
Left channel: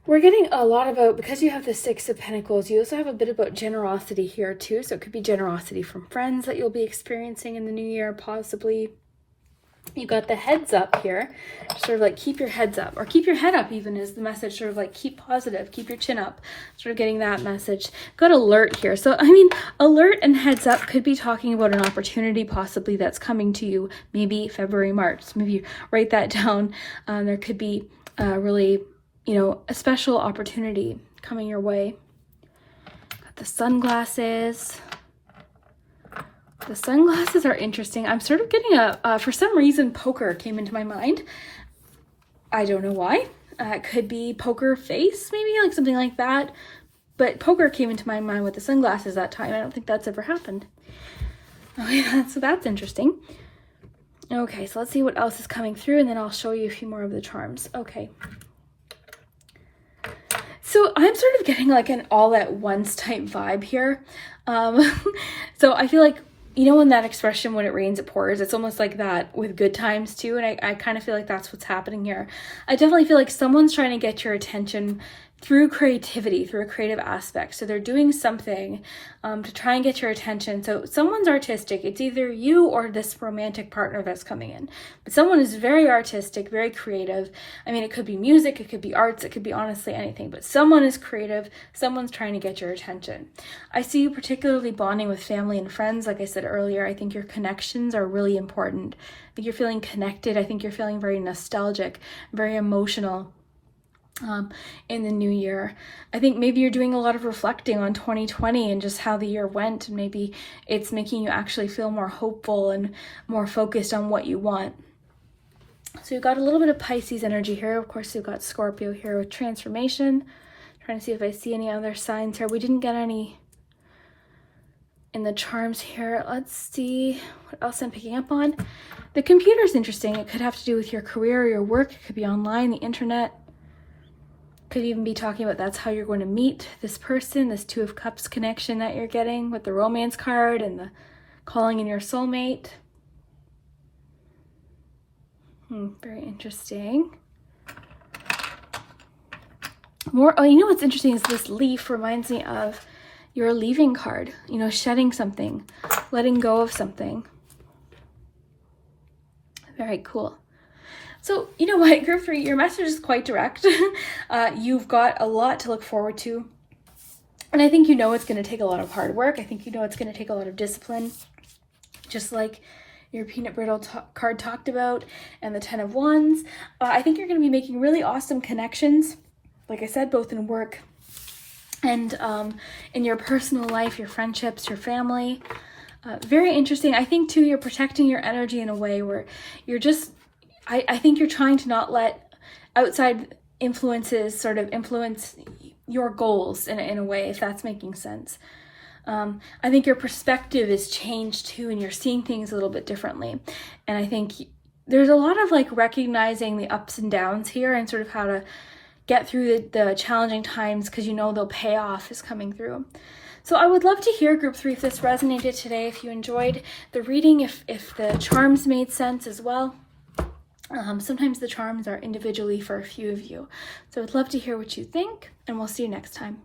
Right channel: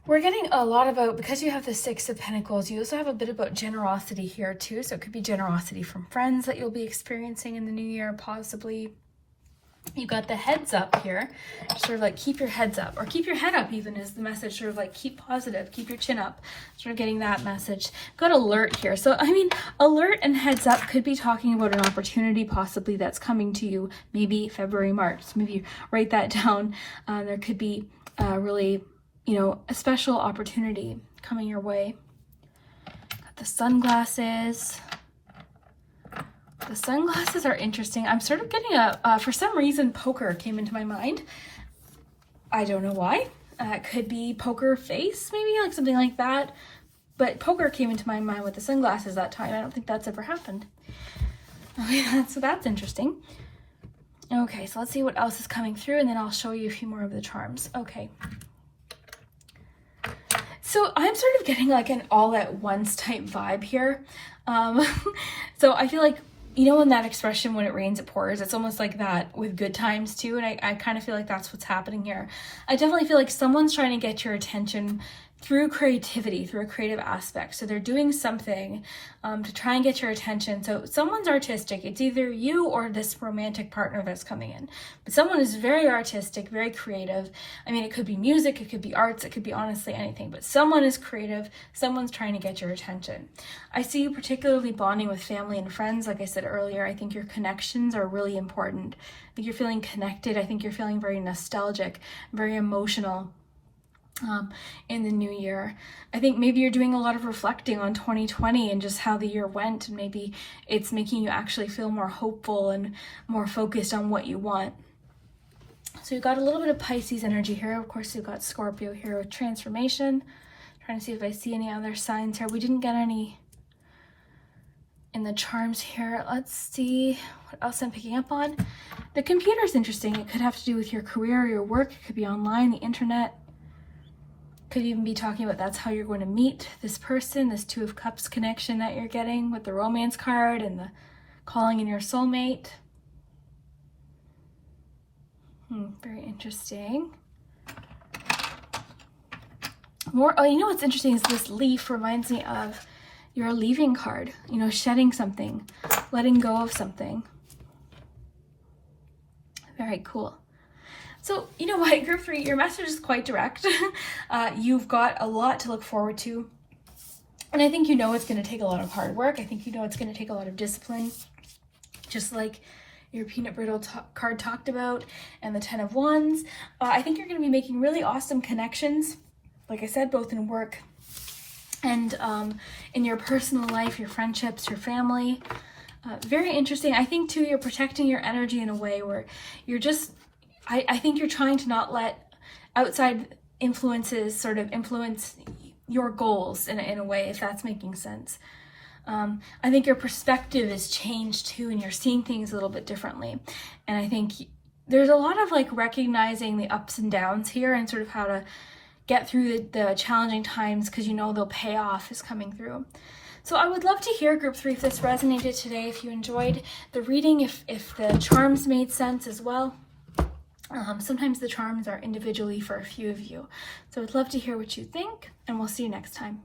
We're getting a lot about, because you have the 6 of Pentacles, you also have a bit about generosity here too. So it could be generosity from friends that you'll be experiencing in the new year, possibly. You got the heads up here, sort of like keep your heads up, or keep your head up even is the message, sort of like keep positive, keep your chin up, sort of getting that message. Got alert here. So, I mean, alert and heads up could be talking about an opportunity possibly that's coming to you, maybe February, March. So maybe you write that down. There could be really, you know, a special opportunity coming your way. Got the sunglasses. The sunglasses are interesting. I'm sort of getting for some reason, poker came into my mind. I don't know why. It could be poker face, maybe, like something like that. But poker came into my mind with the sunglasses that time. I don't think that's ever happened. Okay, so that's interesting. Okay, so let's see what else is coming through, and then I'll show you a few more of the charms. Okay. So I'm sort of getting like an all at once type vibe here. So I feel like, you know, in that expression, when it rains, it pours, it's almost like that with good times too. And I kind of feel like that's what's happening here. I definitely feel like someone's trying to get your attention through creativity, through a creative aspect. So they're doing something to try and get your attention. So someone's artistic. It's either you or this romantic partner that's coming in. But someone is very artistic, very creative. I mean, it could be music, it could be arts, it could be honestly anything. But someone is creative. Someone's trying to get your attention. I see you particularly bonding with family and friends. Like I said earlier, I think your connections are really important. I think you're feeling connected. I think you're feeling very nostalgic, very emotional. In the new year. I think maybe you're doing a lot of reflecting on 2020 and just how the year went, and maybe it's making you actually feel more hopeful and more focused on what you want. So you've got a little bit of Pisces energy here. Of course, you've got Scorpio here with transformation. Trying to see if I see any other signs here. We didn't get any in the charms here. Let's see what else I'm picking up on. The computer's interesting. It could have to do with your career or your work. It could be online, the internet. Could even be talking about that's how you're going to meet this person, this Two of Cups connection that you're getting with the romance card and the calling in your soulmate. Very interesting. More, oh, you know what's interesting is this leaf reminds me of your leaving card, you know, shedding something, letting go of something. Very cool. So, you know what, group 3, your message is quite direct. You've got a lot to look forward to. And I think you know it's going to take a lot of hard work. I think you know it's going to take a lot of discipline. Just like your peanut brittle card talked about and the 10 of Wands. I think you're going to be making really awesome connections. Like I said, both in work and in your personal life, your friendships, your family. Very interesting. I think too, you're protecting your energy in a way where you're just... I think you're trying to not let outside influences sort of influence your goals in a way, if that's making sense. I think your perspective is changed too, and you're seeing things a little bit differently. And I think there's a lot of like recognizing the ups and downs here and sort of how to get through the challenging times, because you know they'll pay off is coming through. So I would love to hear, group 3, if this resonated today, if you enjoyed the reading, if the charms made sense as well. Sometimes the charms are individually for a few of you. So I'd love to hear what you think, and we'll see you next time.